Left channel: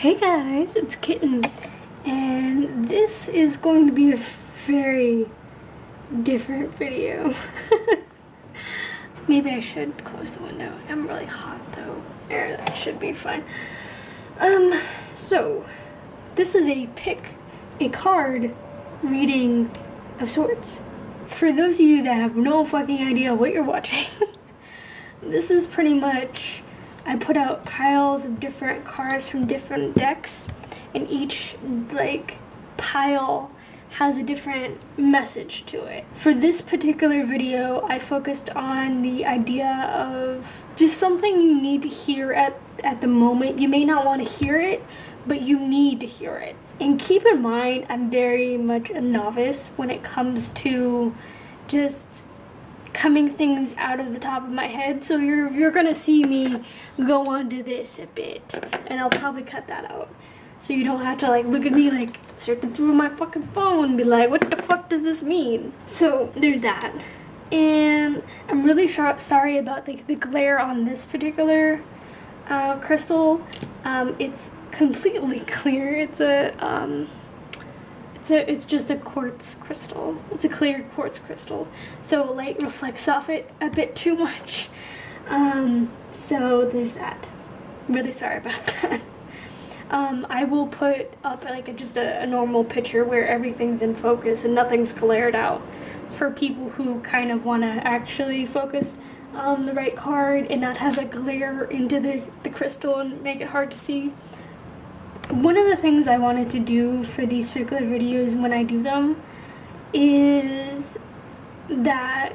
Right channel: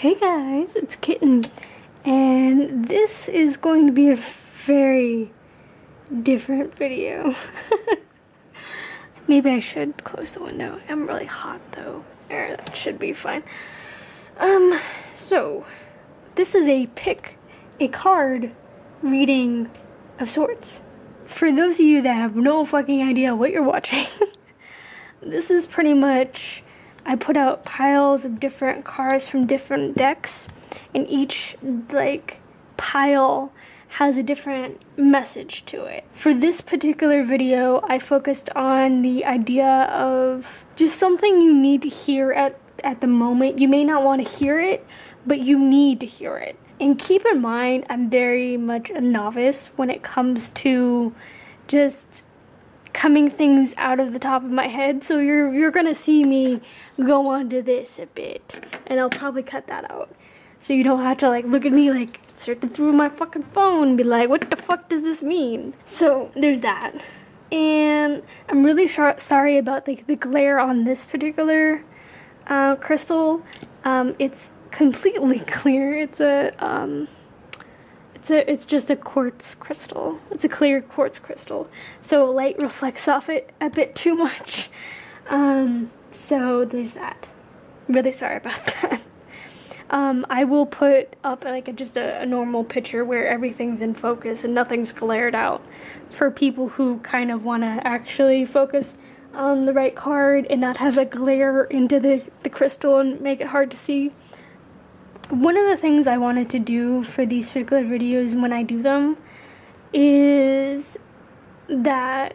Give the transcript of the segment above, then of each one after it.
Hey guys, it's Kitten, and this is going to be a very different video. Maybe I should close the window. I'm really hot though. There, that should be fine. So this is a pick a card reading of sorts. For those of you that have no fucking idea what you're watching, this is pretty much, I put out piles of different cards from different decks, and each pile has a different message to it. For this particular video, I focused on the idea of just something you need to hear at the moment. You may not want to hear it, but you need to hear it. And keep in mind, I'm very much a novice when it comes to just coming things out of the top of my head, so you're gonna see me go on to this a bit, and I'll probably cut that out, so you don't have to look at me searching through my fucking phone and be like, what the fuck does this mean? So there's that. And I'm really sorry about the glare on this particular crystal. It's completely clear. It's just a quartz crystal. It's a clear quartz crystal, so light reflects off it a bit too much. So there's that. Really sorry about that. I will put up just a normal picture where everything's in focus and nothing's glared out, for people who kind of want to actually focus on the right card and not have a glare into the crystal and make it hard to see. One of the things I wanted to do for these particular videos when I do them is that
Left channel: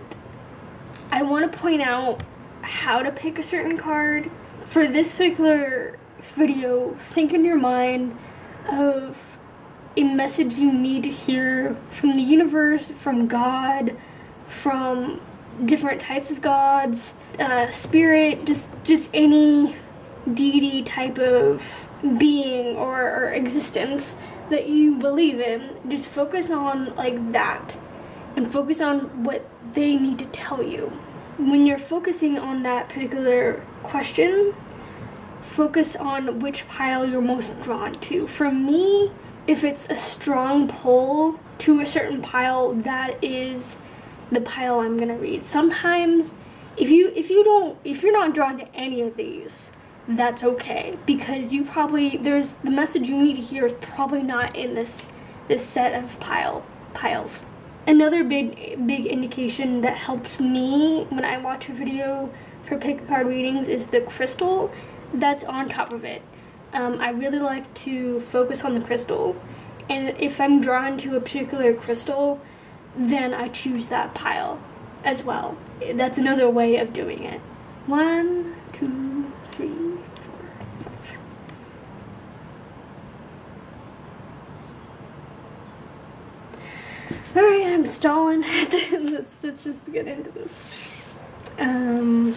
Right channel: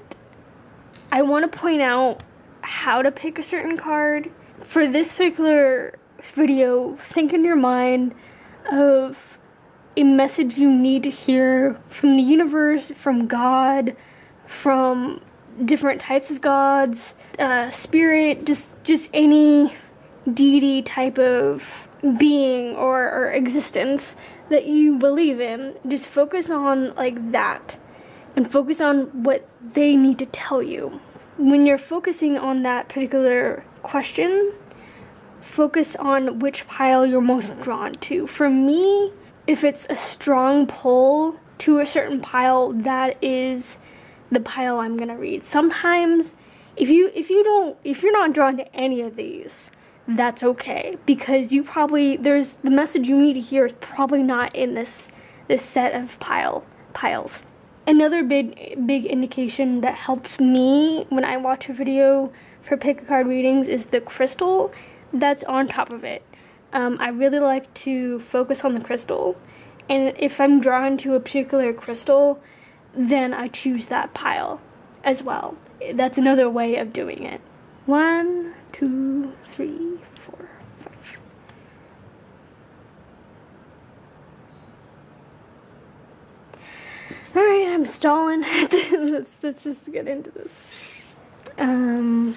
I want to point out how to pick a certain card. For this particular video, think in your mind of a message you need to hear from the universe, from God, from different types of gods, spirit, just any deity type of being or existence that you believe in. Just focus on that, and focus on what they need to tell you. When you're focusing on that particular question, focus on which pile you're most drawn to. For me, if it's a strong pull to a certain pile, that is the pile I'm gonna read. Sometimes if you're not drawn to any of these, that's okay, because the message you need to hear is probably not in this set of piles. Another big indication that helps me when I watch a video for pick a card readings is the crystal that's on top of it. I really like to focus on the crystal, and if I'm drawn to a particular crystal, then I choose that pile as well. That's another way of doing it. 1, 2, 3, 4, 5. Alright, I'm stalling. let's just get into this. Okay. And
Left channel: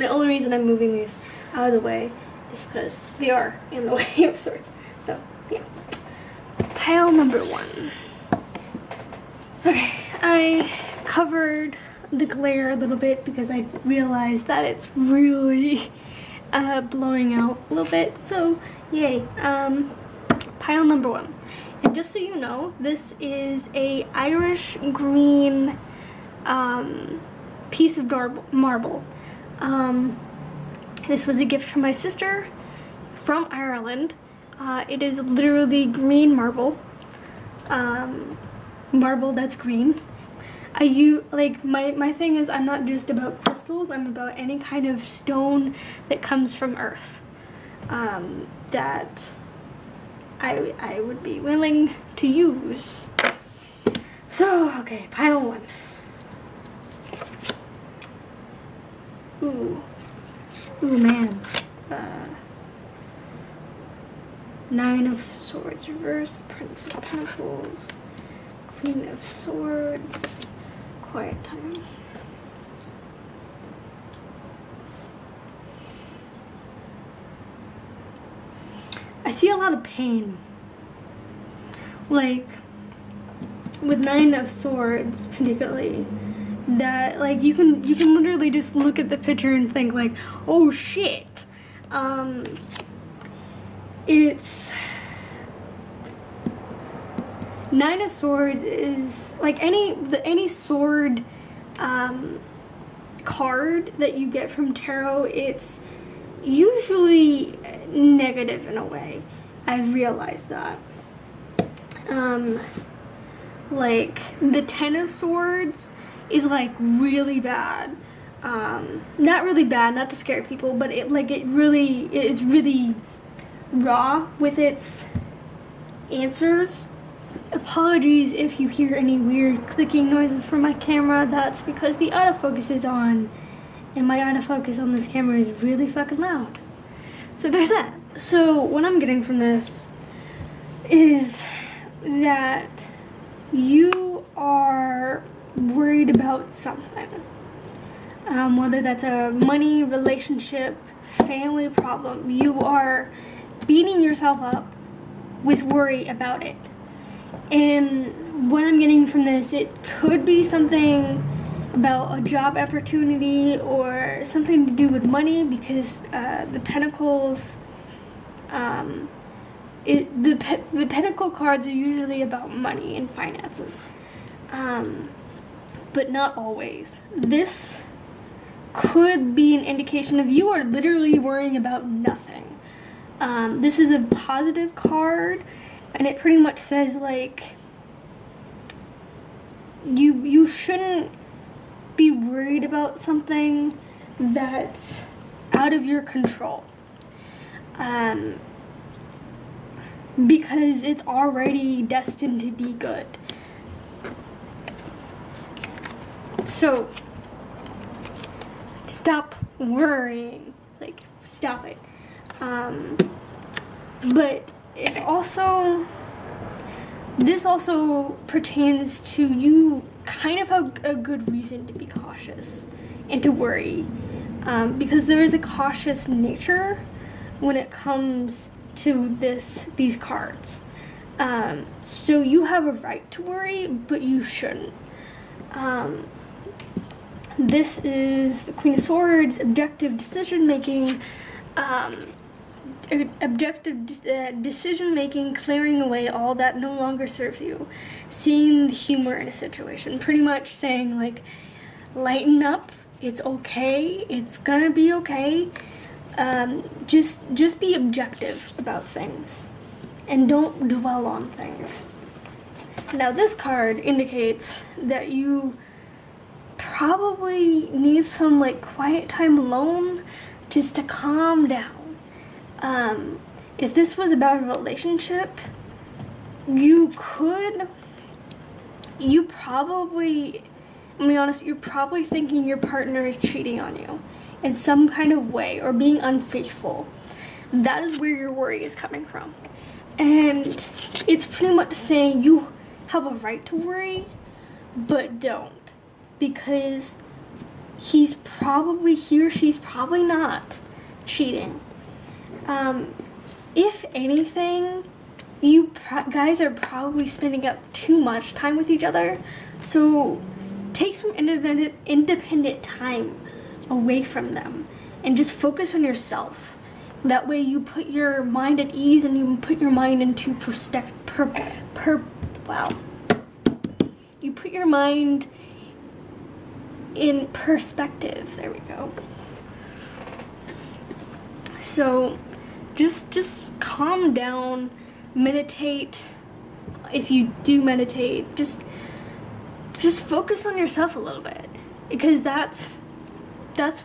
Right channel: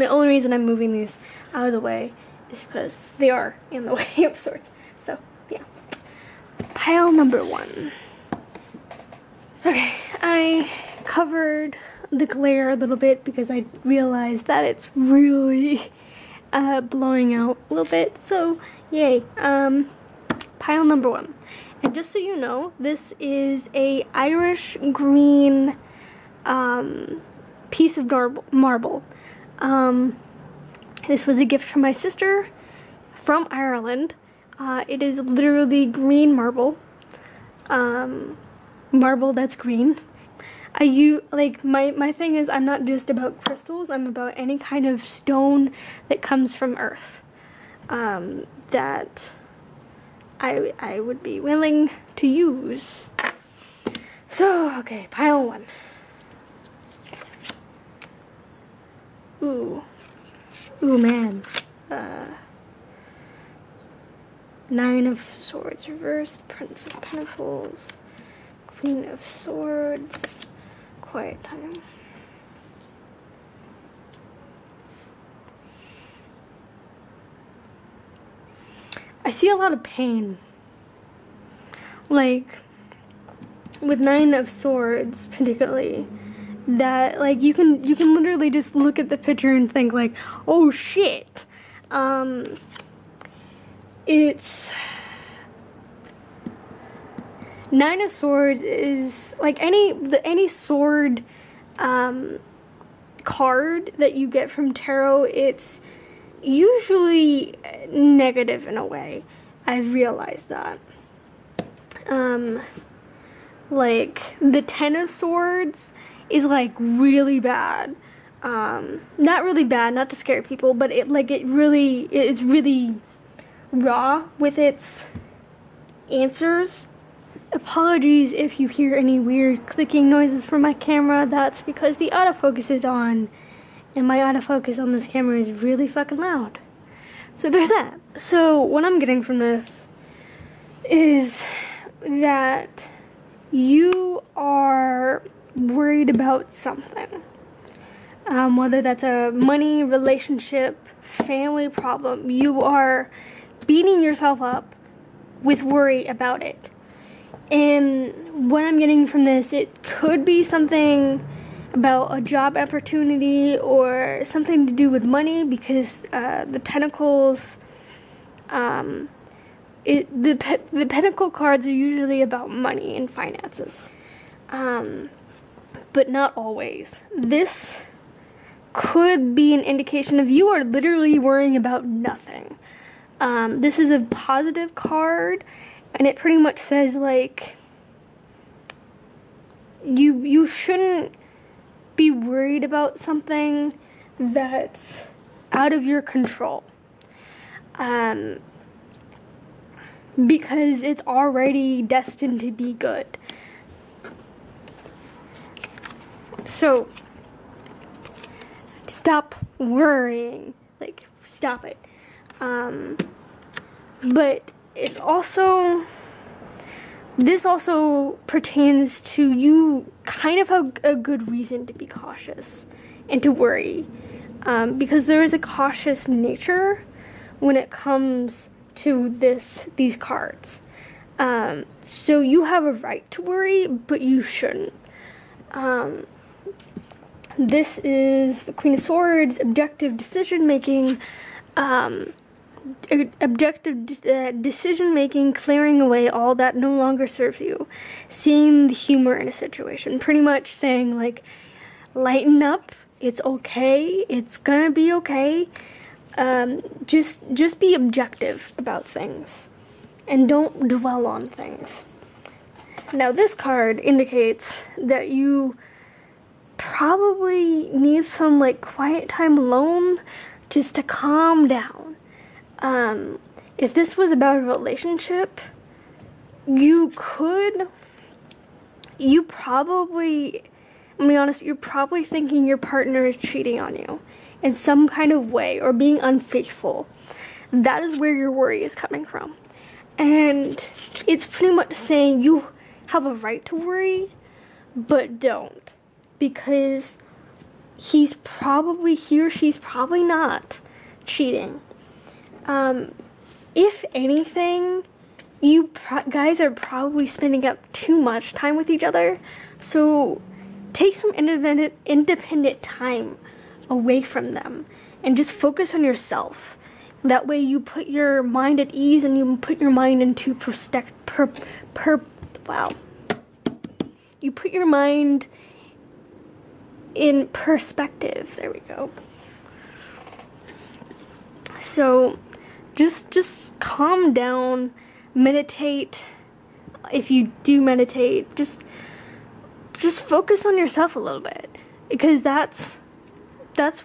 the only reason I'm moving these out of the way is because they are in the way of sorts. So, yeah. Pile number 1. Okay, I covered the glare a little bit because I realized that it's really blowing out a little bit, so yay. Pile number 1, and just so you know, this is a Irish green piece of marble. This was a gift from my sister from Ireland. It is literally green marble, marble that's green. My thing is, I'm not just about crystals, I'm about any kind of stone that comes from Earth, that I would be willing to use. So, okay, pile 1. Ooh man. 9 of Swords reversed, Prince of Pentacles, Queen of Swords, Quiet Time. I see a lot of pain. With 9 of Swords particularly, that you can literally just look at the picture and think oh shit. it's Nine of Swords is like any sword card that you get from tarot. It's usually negative in a way. I've realized that. Like the Ten of Swords is like really bad. Not really bad, not to scare people, but it's really raw with its answers. Apologies if you hear any weird clicking noises from my camera. That's because the autofocus is on, and my autofocus on this camera is really fucking loud. So there's that. So what I'm getting from this is that you are worried about something. Whether that's a money, relationship, family problem, you are beating yourself up with worry about it. And what I'm getting from this, it could be something about a job opportunity or something to do with money, because the Pentacles, the Pentacle cards are usually about money and finances, but not always. This could be an indication of you are literally worrying about nothing. This is a positive card, and it pretty much says, like, you shouldn't be worried about something that's out of your control. Because it's already destined to be good. So, stop worrying. Like, stop it. But it's also, this also pertains to you kind of have a good reason to be cautious and to worry. Because there is a cautious nature when it comes to these cards. So you have a right to worry, but you shouldn't. This is the Queen of Swords, objective decision-making, decision-making, clearing away all that no longer serves you, seeing the humor in a situation, pretty much saying, like, lighten up, it's okay, it's gonna be okay, just be objective about things, and don't dwell on things. Now this card indicates that you probably need some, like, quiet time alone just to calm down. If this was about a relationship, you're probably thinking your partner is cheating on you in some kind of way or being unfaithful. That is where your worry is coming from. And it's pretty much saying you have a right to worry, but don't. Because he or she's probably not cheating. If anything, you guys are probably spending up too much time with each other, so take some independent time away from them and just focus on yourself. That way you put your mind at ease and you put your mind into you put your mind in perspective. There we go. So just calm down, meditate. If you do meditate, just focus on yourself a little bit, because that's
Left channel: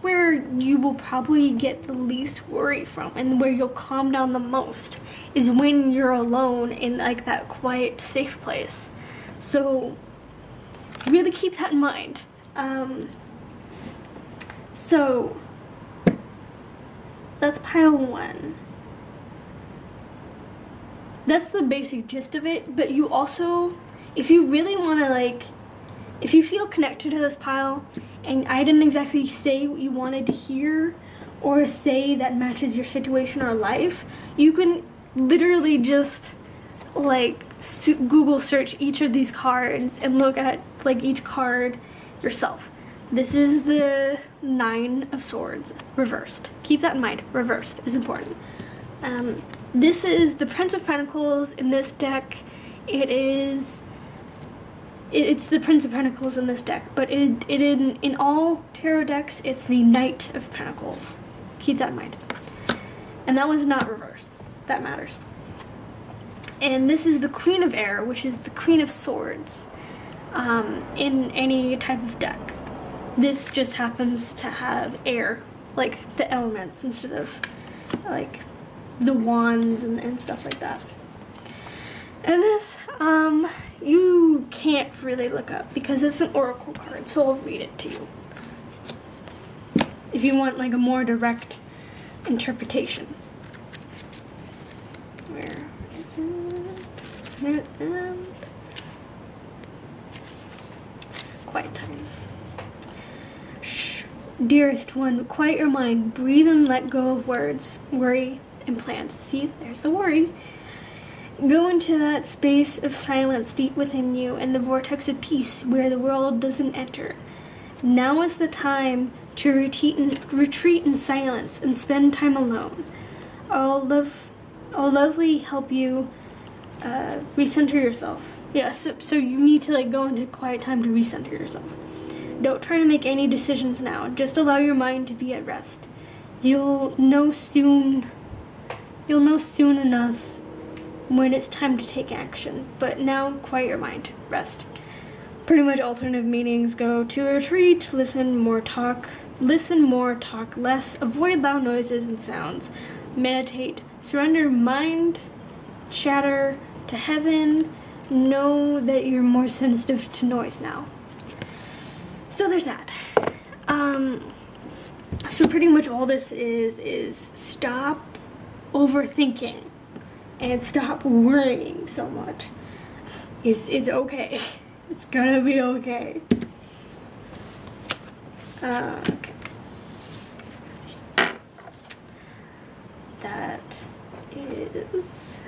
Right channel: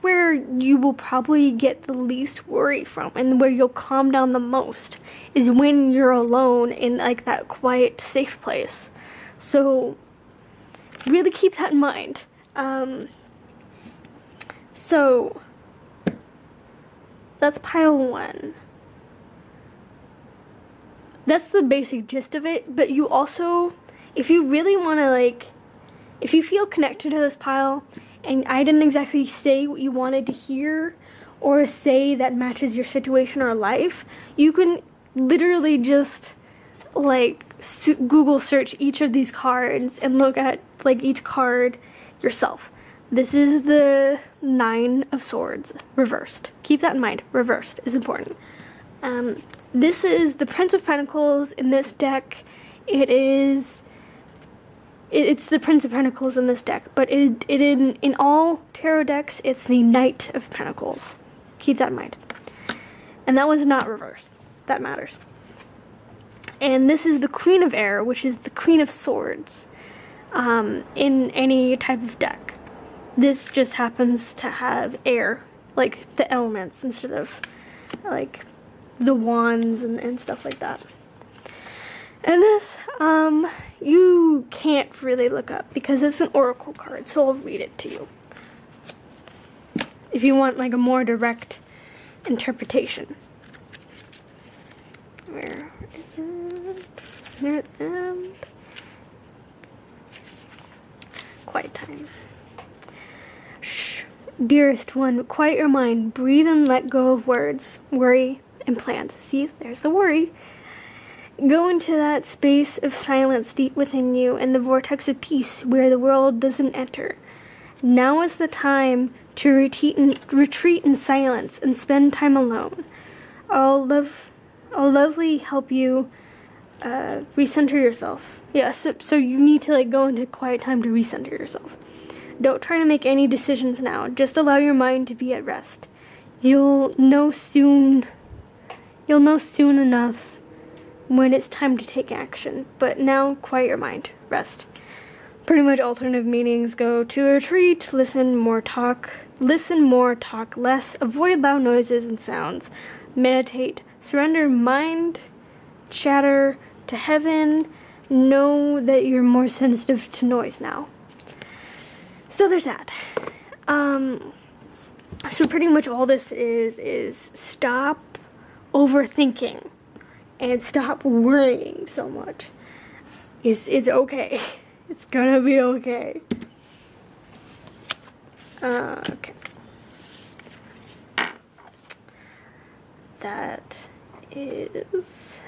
where you will probably get the least worry from, and where you'll calm down the most is when you're alone in, like, that quiet, safe place. So really keep that in mind. So that's pile 1. That's the basic gist of it, but you also, if you really want to, like, if you feel connected to this pile, and I didn't exactly say what you wanted to hear, or say that matches your situation or life, you can literally just, like, Google search each of these cards and look at, like, each card yourself. This is the 9 of Swords, reversed. Keep that in mind. Reversed is important. This is the Prince of Pentacles in this deck. It's the Prince of Pentacles in this deck, but in all tarot decks, it's the Knight of Pentacles. Keep that in mind. And that one's not reversed. That matters. And this is the Queen of Air, which is the Queen of Swords, in any type of deck. This just happens to have air, like the elements, instead of like the wands and stuff like that. And this, you can't really look up because it's an oracle card, so I'll read it to you. If you want like a more direct interpretation. Where is it? Quiet time. Shh. Dearest one, quiet your mind. Breathe and let go of words, worry, and plans. See, there's the worry. Go into that space of silence deep within you and the vortex of peace where the world doesn't enter. Now is the time to retreat in silence and spend time alone. I'll lovely help you recenter yourself. Yes, so you need to like go into quiet time to recenter yourself. Don't try to make any decisions now. Just allow your mind to be at rest. You'll know soon enough when it's time to take action. But now, quiet your mind. Rest. Pretty much alternative meanings go to retreat, listen more, talk less, avoid loud noises and sounds, meditate, surrender mind, chatter to heaven, know that you're more sensitive to noise now. So there's that. So pretty much all this is stop overthinking and stop worrying so much. It's okay. It's gonna be okay. Okay. That is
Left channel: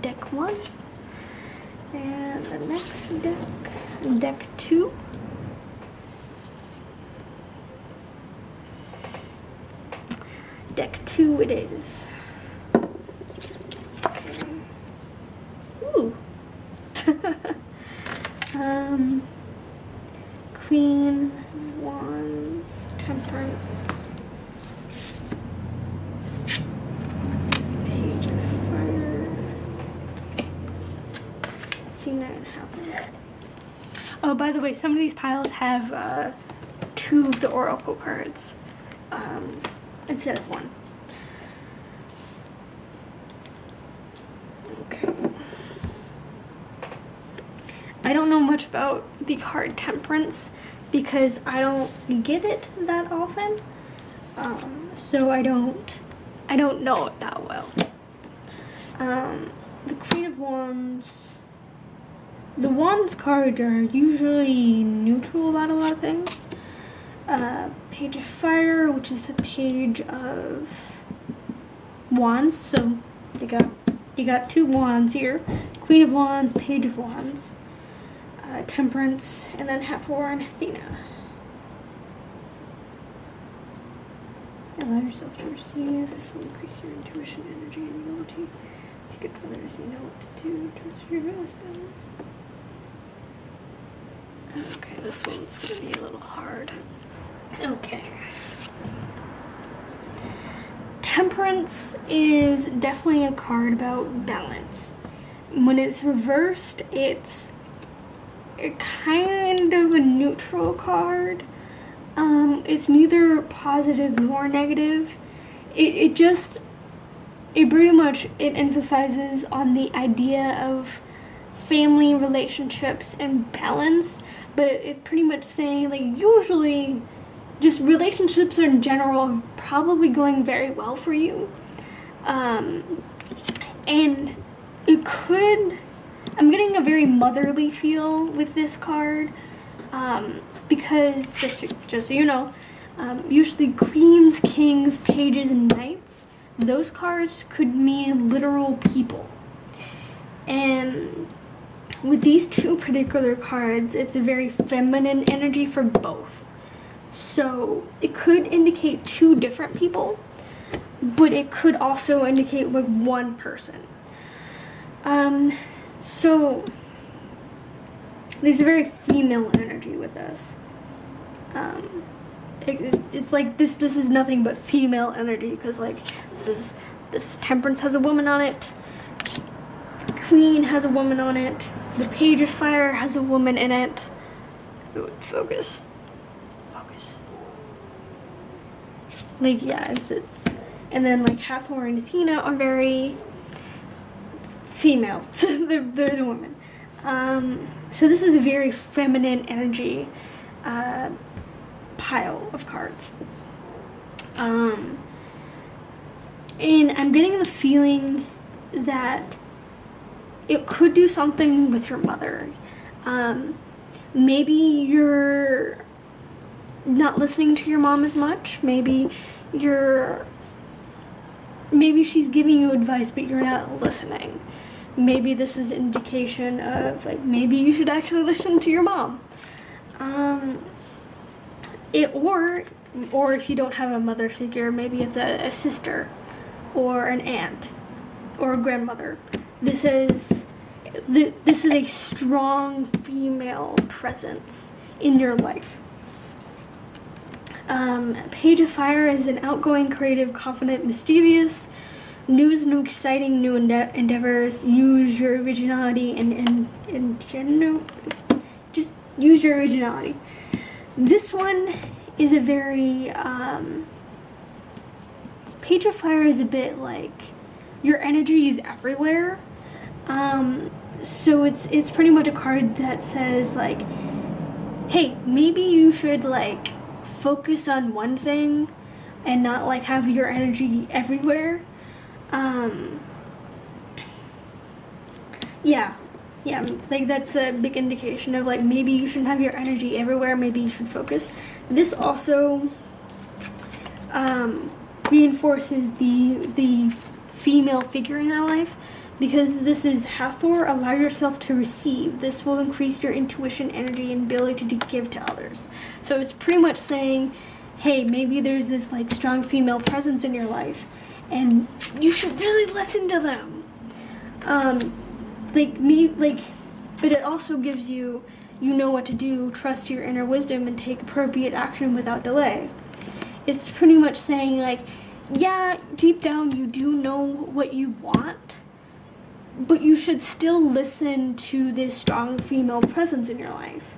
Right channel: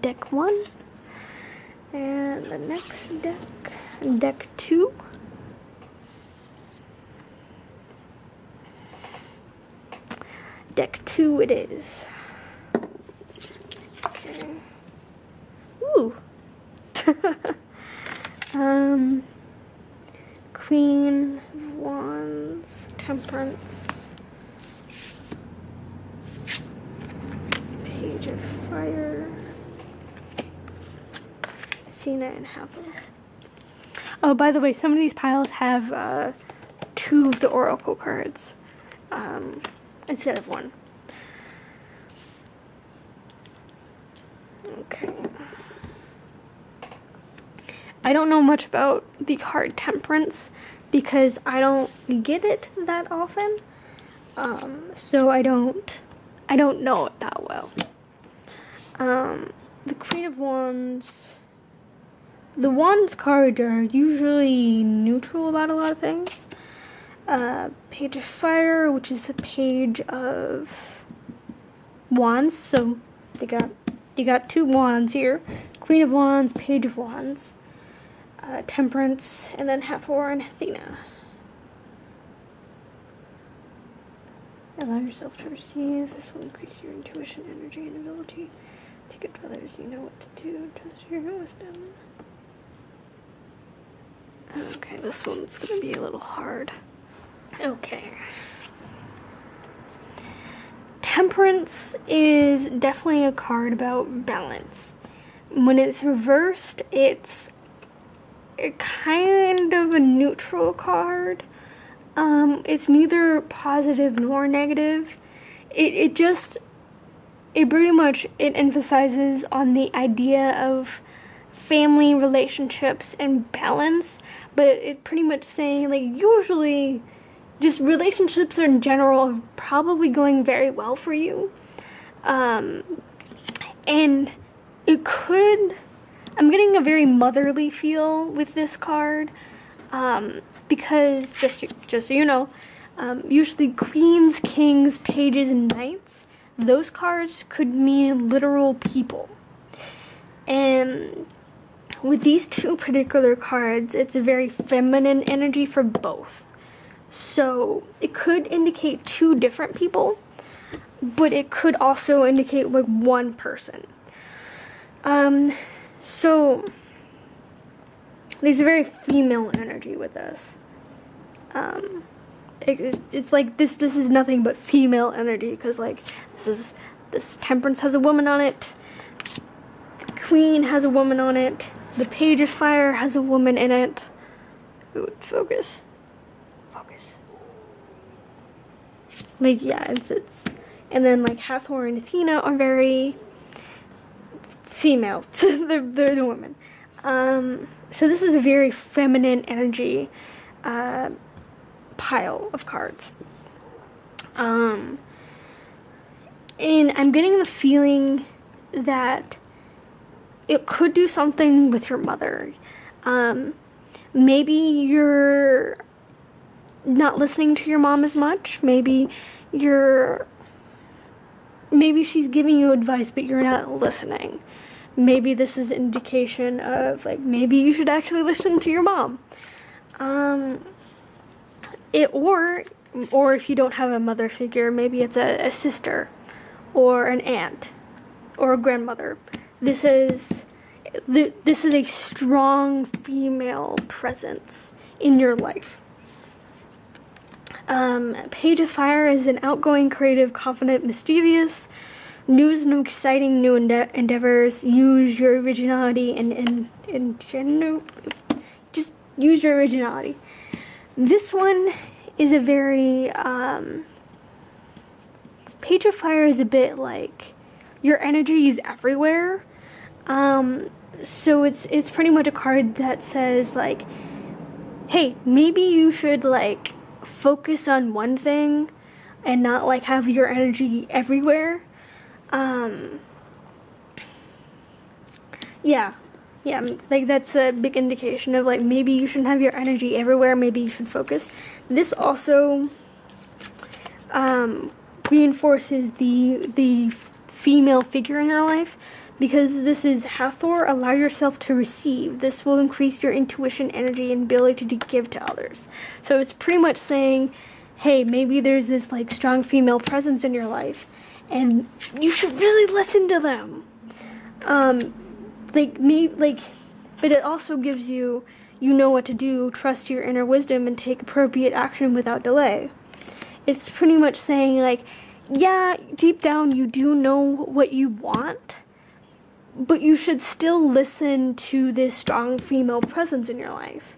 deck 1. And the next deck 2. Deck 2 it is. Okay. Ooh. Queen of Wands, Temperance, Page of Fire, Cena and Hathor. Oh, by the way, some of these piles have 2 of the oracle cards instead of 1. Okay. I don't know much about the card Temperance because I don't get it that often, so I don't know it that well. The Queen of Wands, the Wands cards are usually neutral about a lot of things. Page of Fire, which is the Page of Wands, so you got 2 wands here. Queen of Wands, Page of Wands. Temperance, and then Hathor and Athena. Allow yourself to receive. This will increase your intuition, energy, and ability to get to others. You know what to do to your wisdom. Okay, this one's going to be a little hard. Okay. Temperance is definitely a card about balance. When it's reversed, it's kind of a neutral card. It's neither positive nor negative. It pretty much emphasizes on the idea of family relationships and balance, but it pretty much saying like usually just relationships in general are probably going very well for you. And it could, I'm getting a very motherly feel with this card, because, just so you know, usually queens, kings, pages, and knights, those cards could mean literal people. And with these 2 particular cards, it's a very feminine energy for both. So it could indicate 2 different people. but it could also indicate like one person. So there's a very female energy with this. It's like this is nothing but female energy, because like this Temperance has a woman on it, the Queen has a woman on it, the Page of Fire has a woman in it. Ooh, focus. Like, yeah, it's and then like Hathor and Athena are very female. they're the women. So this is a very feminine energy pile of cards. And I'm getting the feeling that it could do something with your mother. Maybe you're not listening to your mom as much. Maybe she's giving you advice, but you're not listening. Maybe this is an indication of, like, maybe you should actually listen to your mom. Or if you don't have a mother figure, maybe it's a sister, or an aunt, or a grandmother. This is a strong female presence in your life. Page of Fire is an outgoing, creative, confident, mischievous. News and exciting new endeavors. Use your originality and just use your originality. This one is a very Page of Fire is a bit like your energy is everywhere. So it's pretty much a card that says, like, hey, maybe you should like focus on one thing and not like have your energy everywhere. Yeah, like that's a big indication of like maybe you shouldn't have your energy everywhere, maybe you should focus. This also reinforces the female figure in your life, because this is Hathor, allow yourself to receive. This will increase your intuition, energy, and ability to give to others. So it's pretty much saying, hey, maybe there's this like strong female presence in your life, and you should really listen to them. But it also gives you know what to do, trust your inner wisdom, and take appropriate action without delay. It's pretty much saying, like, yeah, deep down you do know what you want, but you should still listen to this strong female presence in your life.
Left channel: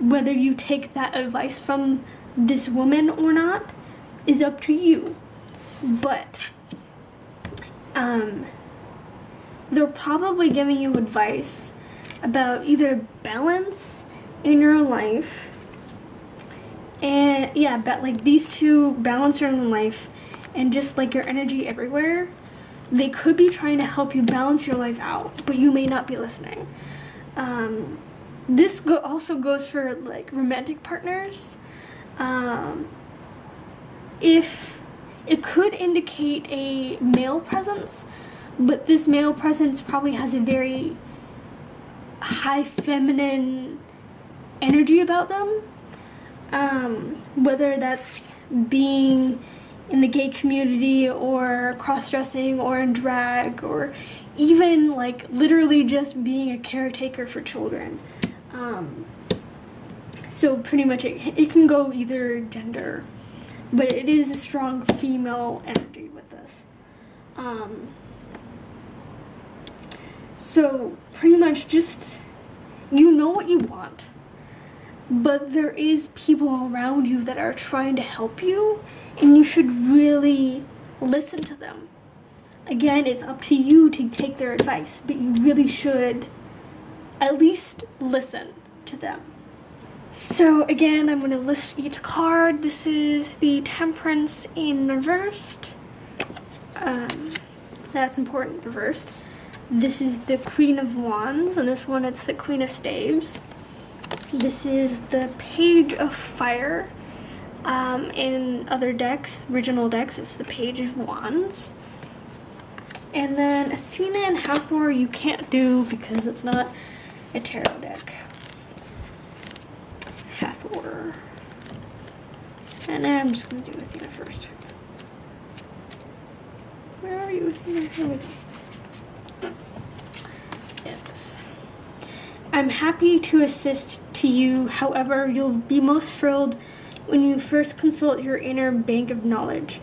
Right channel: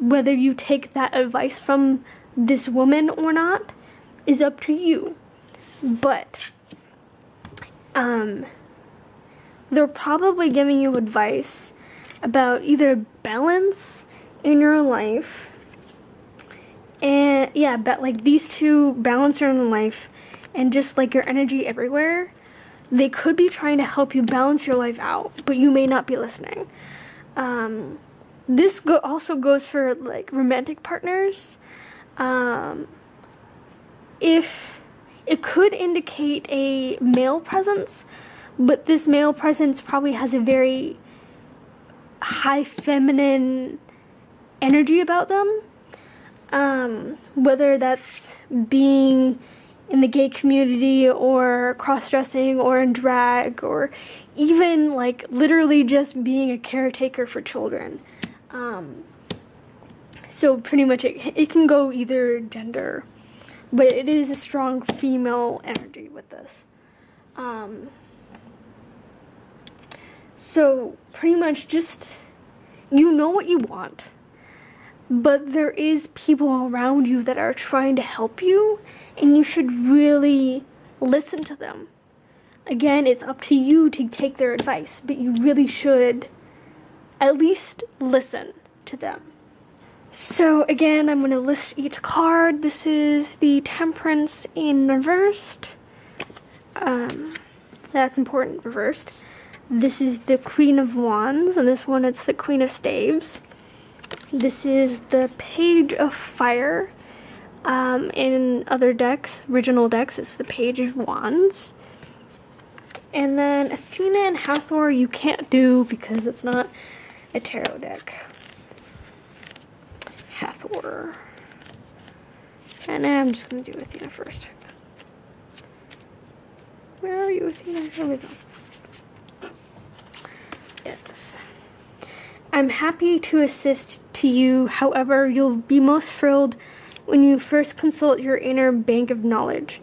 Whether you take that advice from this woman or not is up to you. But they're probably giving you advice about either balance in your life, and yeah, but like these two, balance in your life and just like your energy everywhere. They could be trying to help you balance your life out, but you may not be listening. This also goes for like romantic partners. If it could indicate a male presence, but this male presence probably has a very high feminine energy about them. Whether that's being in the gay community, or cross-dressing, or in drag, or even like literally just being a caretaker for children. So pretty much it can go either gender, but it is a strong female energy with this. So pretty much just, you know what you want, but there is people around you that are trying to help you, and you should really listen to them. Again, it's up to you to take their advice, but you really should at least listen to them. So again, I'm going to list each card. This is the Temperance in reversed. That's important, reversed. This is the Queen of Wands, and this one it's the Queen of Staves. This is the Page of Fire. In other decks, original decks, it's the Page of Wands. And then Athena and Hathor you can't do because it's not a tarot deck. Hathor. And I'm just going to do Athena first. Where are you? Here we go. Yes. I'm happy to assist to you. However, you'll be most thrilled when you first consult your inner bank of knowledge.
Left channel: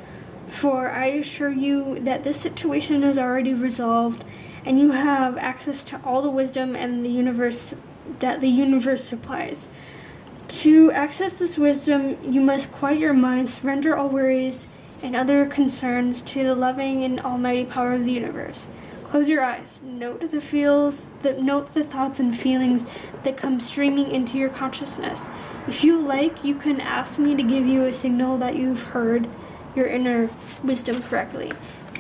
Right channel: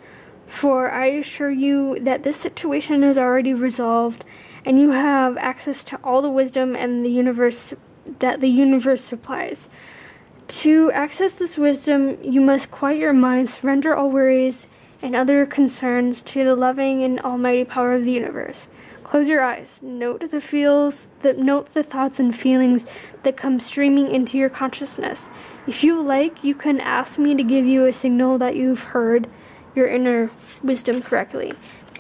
For I assure you that this situation is already resolved, and you have access to all the wisdom and the universe that the universe supplies. To access this wisdom, you must quiet your mind, surrender all worries and other concerns to the loving and almighty power of the universe. Close your eyes. Note the thoughts and feelings that come streaming into your consciousness. If you like, you can ask me to give you a signal that you've heard your inner wisdom correctly.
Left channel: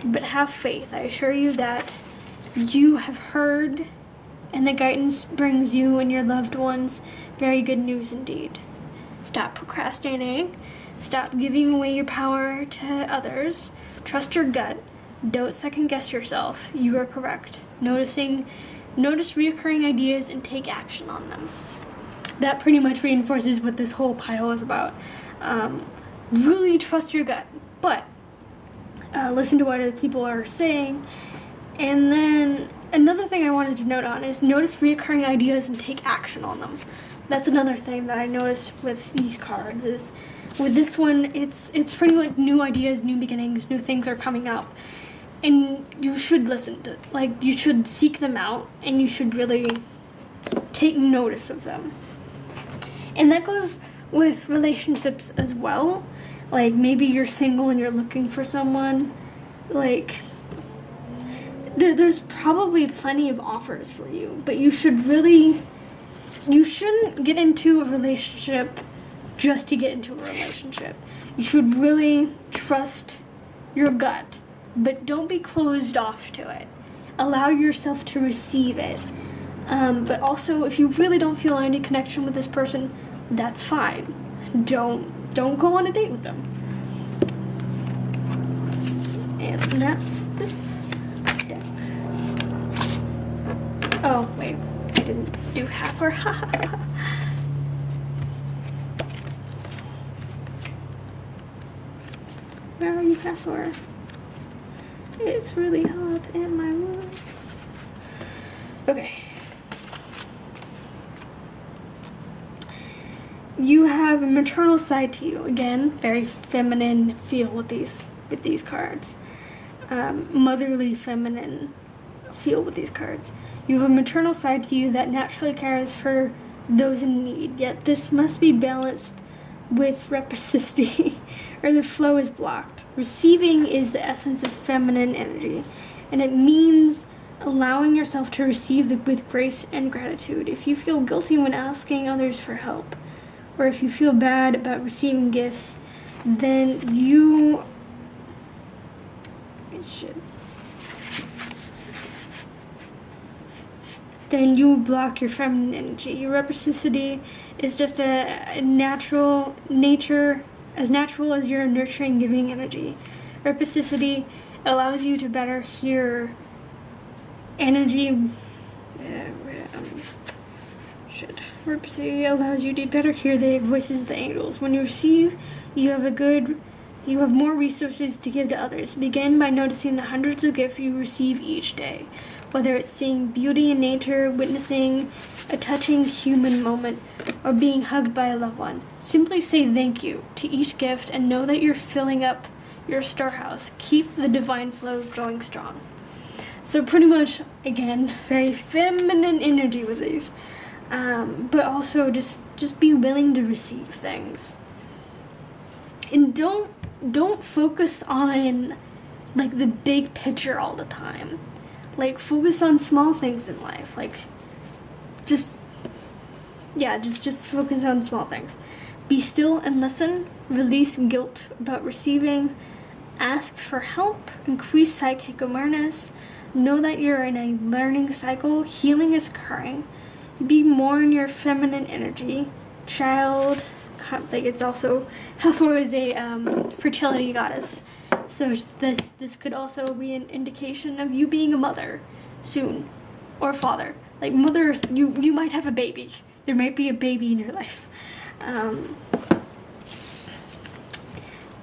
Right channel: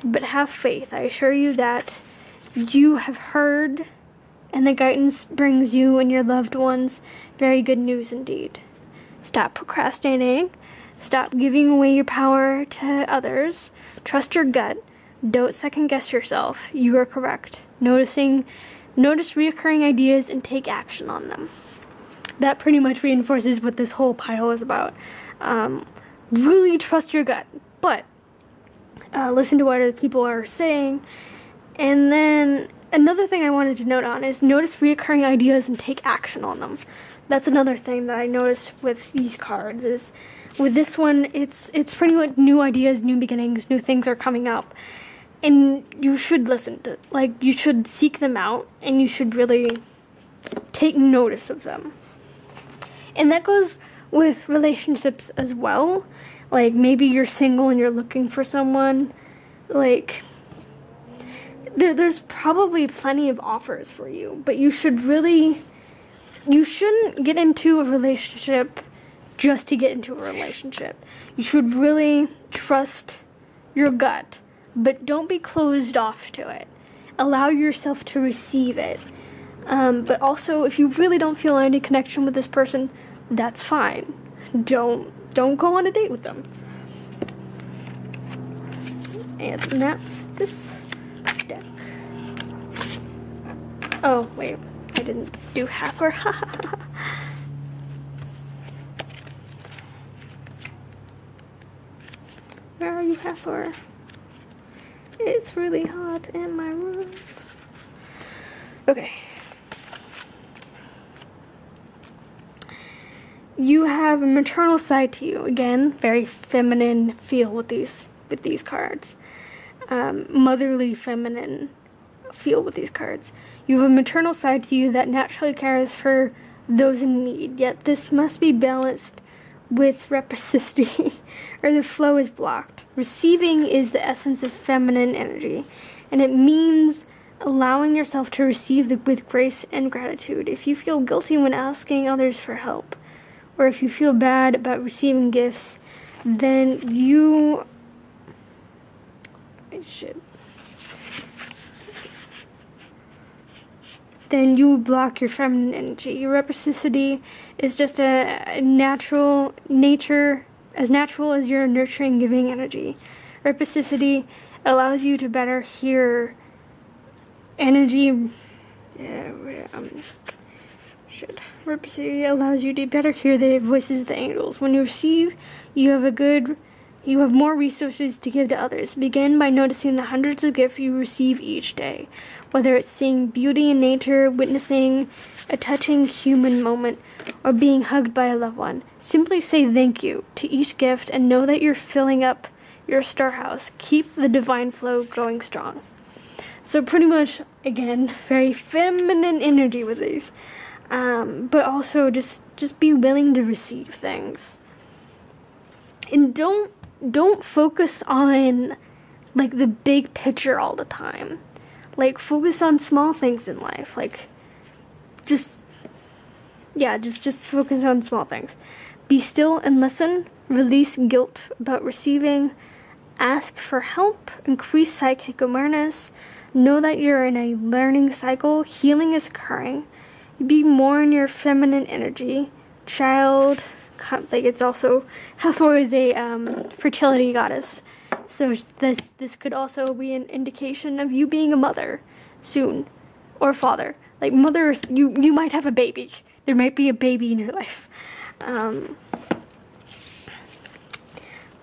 But have faith. I assure you that you have heard, and the guidance brings you and your loved ones very good news indeed. Stop procrastinating. Stop giving away your power to others. Trust your gut. Don't second guess yourself. You are correct. Notice reoccurring ideas and take action on them. That pretty much reinforces what this whole pile is about. Really trust your gut, but listen to what other people are saying. And then another thing I wanted to note on is notice reoccurring ideas and take action on them. That's another thing that I noticed with these cards is with this one, it's pretty much new ideas, new beginnings, new things are coming up. And you should listen to, like, you should seek them out, and you should really take notice of them. And that goes with relationships as well. Like, maybe you're single and you're looking for someone. Like, there's probably plenty of offers for you, but you shouldn't get into a relationship just to get into a relationship. You should really trust your gut, but don't be closed off to it. Allow yourself to receive it. But also, if you really don't feel any connection with this person, that's fine. Don't go on a date with them. And that's this deck. Oh, wait. I didn't do Hathor. Where are you, Hathor? It's really hot in my room. Okay. You have a maternal side to you. Again, very feminine feel with these cards. Motherly, feminine feel with these cards. You have a maternal side to you that naturally cares for those in need, yet this must be balanced with reciprocity, or the flow is blocked. Receiving is the essence of feminine energy, and it means allowing yourself to receive with grace and gratitude. If you feel guilty when asking others for help, or if you feel bad about receiving gifts, then you block your feminine energy. Your reciprocity is just as natural as your nurturing, giving energy. Reciprocity allows you to better hear energy. Reciprocity allows you to better hear the voices of the angels. When you receive, you have more resources to give to others. Begin by noticing the hundreds of gifts you receive each day. Whether it's seeing beauty in nature, witnessing a touching human moment, or being hugged by a loved one. Simply say thank you to each gift and know that you're filling up your storehouse. Keep the divine flow going strong. So pretty much, again, very feminine energy with these. But also just be willing to receive things. And don't focus on, like, the big picture all the time. Like, focus on small things in life. Like, just focus on small things. Be still and listen. Release guilt about receiving. Ask for help. Increase psychic awareness. Know that you're in a learning cycle. Healing is occurring. Be more in your feminine energy. Child, like, it's also, Hathor is a fertility goddess. So this could also be an indication of you being a mother soon, or father. Like, mothers, you might have a baby. There might be a baby in your life.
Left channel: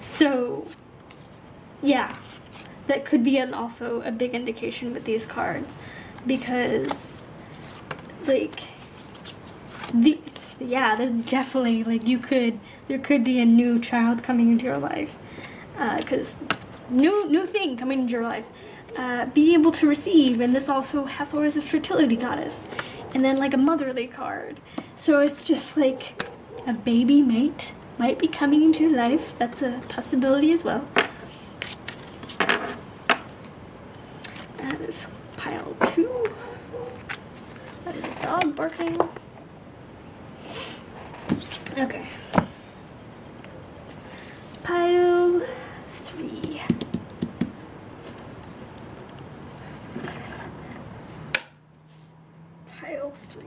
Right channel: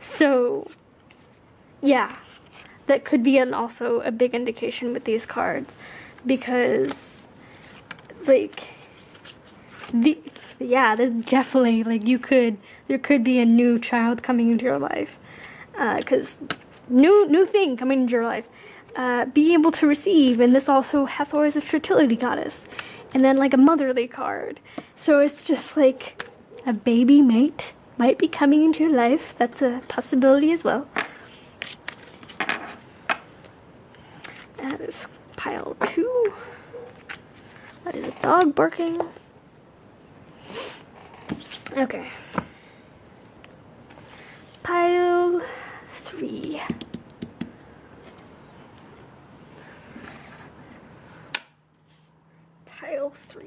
So, yeah. that could be also a big indication with these cards, because, like, definitely, like, there could be a new child coming into your life, because new thing coming into your life, being able to receive, and this also, Hathor is a fertility goddess, and then, like, a motherly card, so it's just, like, a baby mate might be coming into your life. That's a possibility as well. That is pile 2. That is a dog barking. Okay. Pile 3. Pile 3.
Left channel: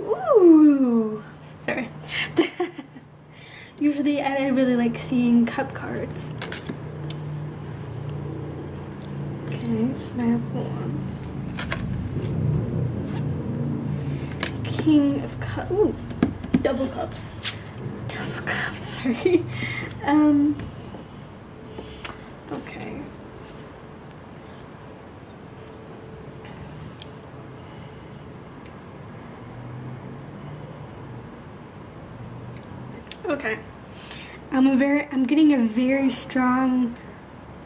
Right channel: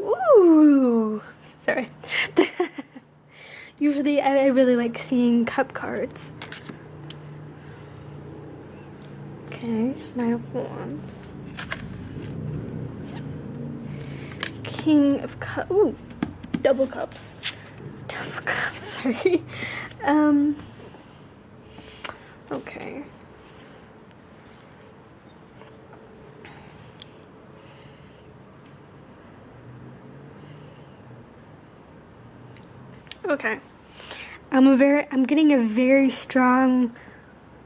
Ooh! Sorry. Usually I really like seeing cup cards. Okay, Knight of Wands. King of Cups. Ooh, double cups. Double cups, sorry. Okay. Okay. I'm getting a very strong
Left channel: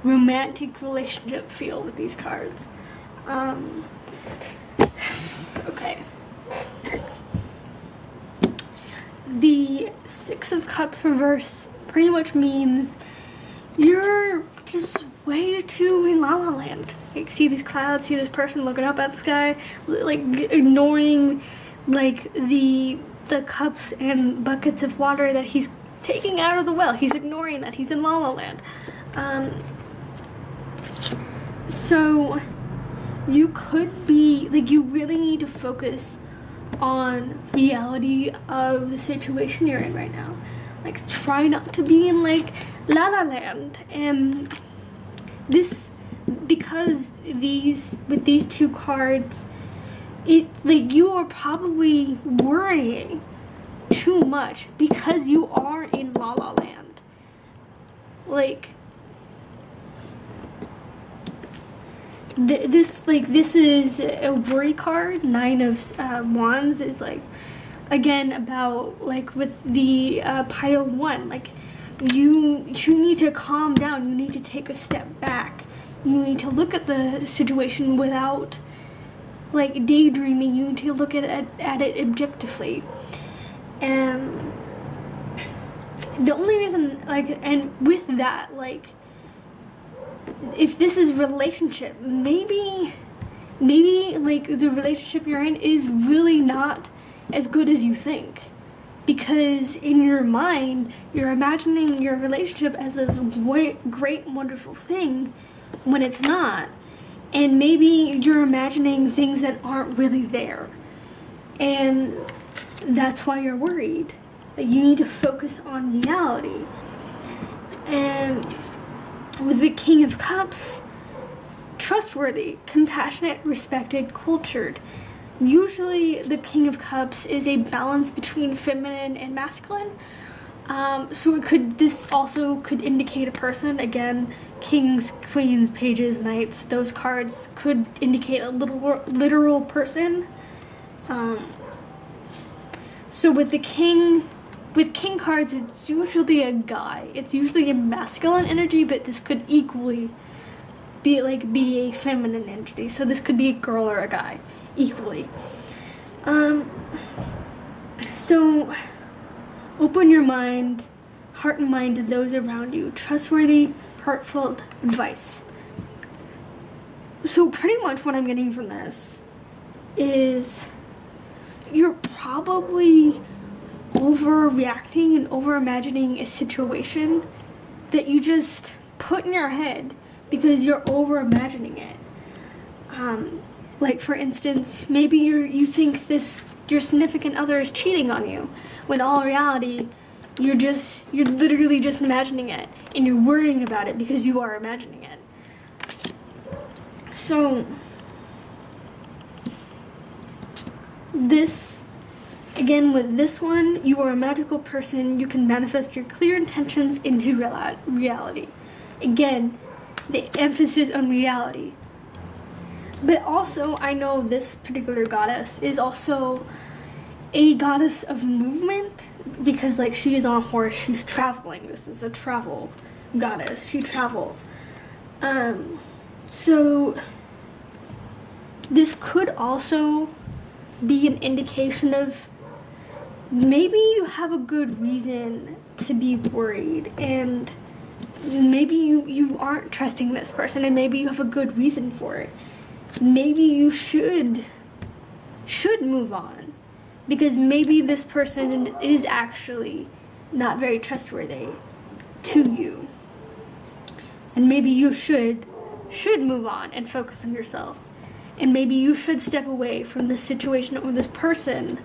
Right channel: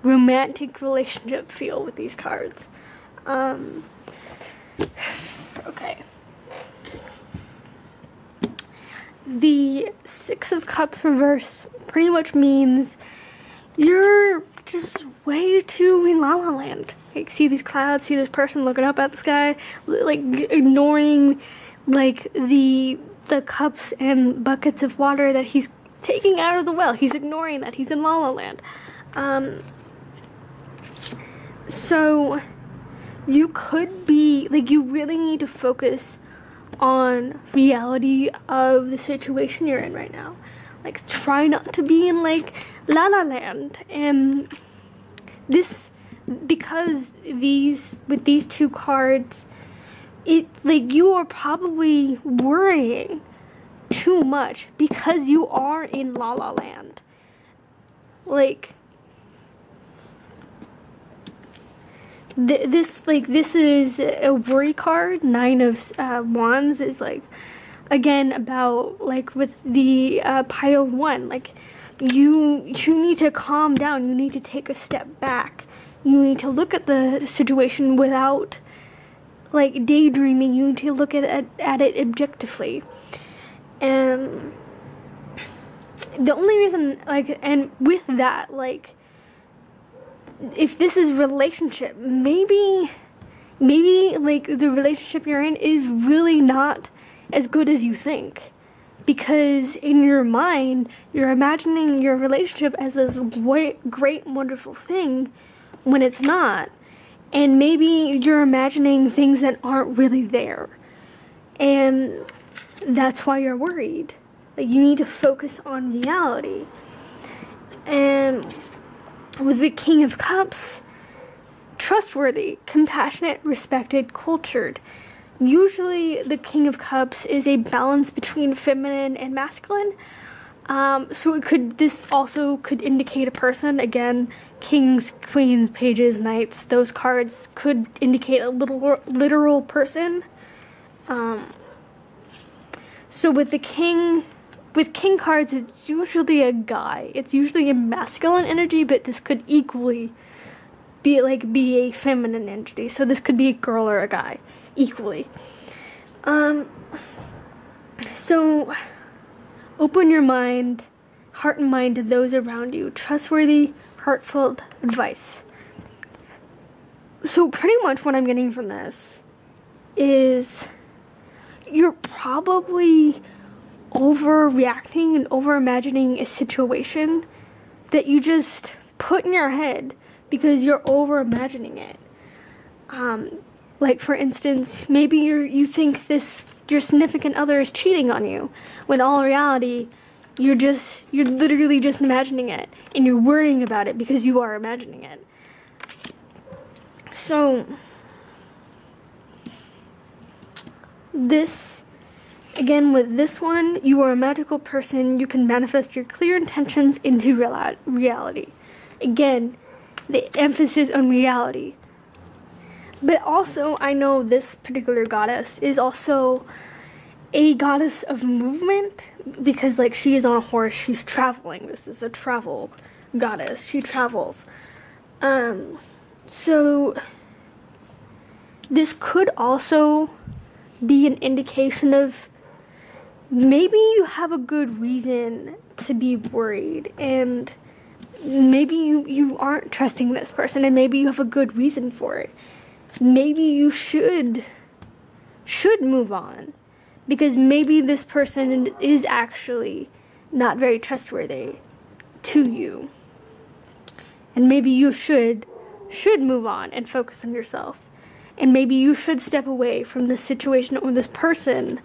romantic relationship feel with these cards. Okay. The Six of Cups reverse pretty much means you're just way too in La La Land. Like, see these clouds, see this person looking up at the sky, like ignoring, like, the cups and buckets of water that he's taking out of the well. He's ignoring that. He's in La La Land. So you could be, like, you really need to focus on reality of the situation you're in right now. Like, try not to be in, like, La La Land. And this, because with these two cards, like, you are probably worrying too much because you are in La La Land. Like, this is a worry card. Nine of Wands is, like, again, about, like, with the pile 1, like, you need to calm down. You need to take a step back. You need to look at the situation without, like, daydreaming. You need to look at it objectively. And the only reason, like, and with that, like, if this is relationship, maybe, like, the relationship you're in is really not as good as you think. Because in your mind, you're imagining your relationship as this great, wonderful thing when it's not. And maybe you're imagining things that aren't really there. And that's why you're worried. Like, you need to focus on reality. And with the King of Cups, trustworthy, compassionate, respected, cultured. Usually the King of Cups is a balance between feminine and masculine. So this also could indicate a person. Again, kings, queens, pages, knights, those cards could indicate a literal person. So with king cards, it's usually a guy. It's usually a masculine energy, but this could equally be a feminine entity. So this could be a girl or a guy, equally. So open your mind, heart and mind to those around you. Trustworthy, heartfelt advice. So pretty much what I'm getting from this is you're probably overreacting and over-imagining a situation that you just put in your head because you're over-imagining it. Like, for instance, maybe you think your significant other is cheating on you, when all in reality, you're literally just imagining it, and you're worrying about it because you are imagining it. So, again, with this one, you are a magical person. You can manifest your clear intentions into reality. Again, the emphasis on reality. But also, I know this particular goddess is also a goddess of movement, because like she is on a horse, she's traveling. This is a travel goddess. She travels. So this could also be an indication of maybe you have a good reason to be worried, and maybe you aren't trusting this person, and maybe you have a good reason for it. Maybe you should move on, because maybe this person is actually not very trustworthy to you, and maybe you should move on and focus on yourself, and maybe you should step away from this situation or this person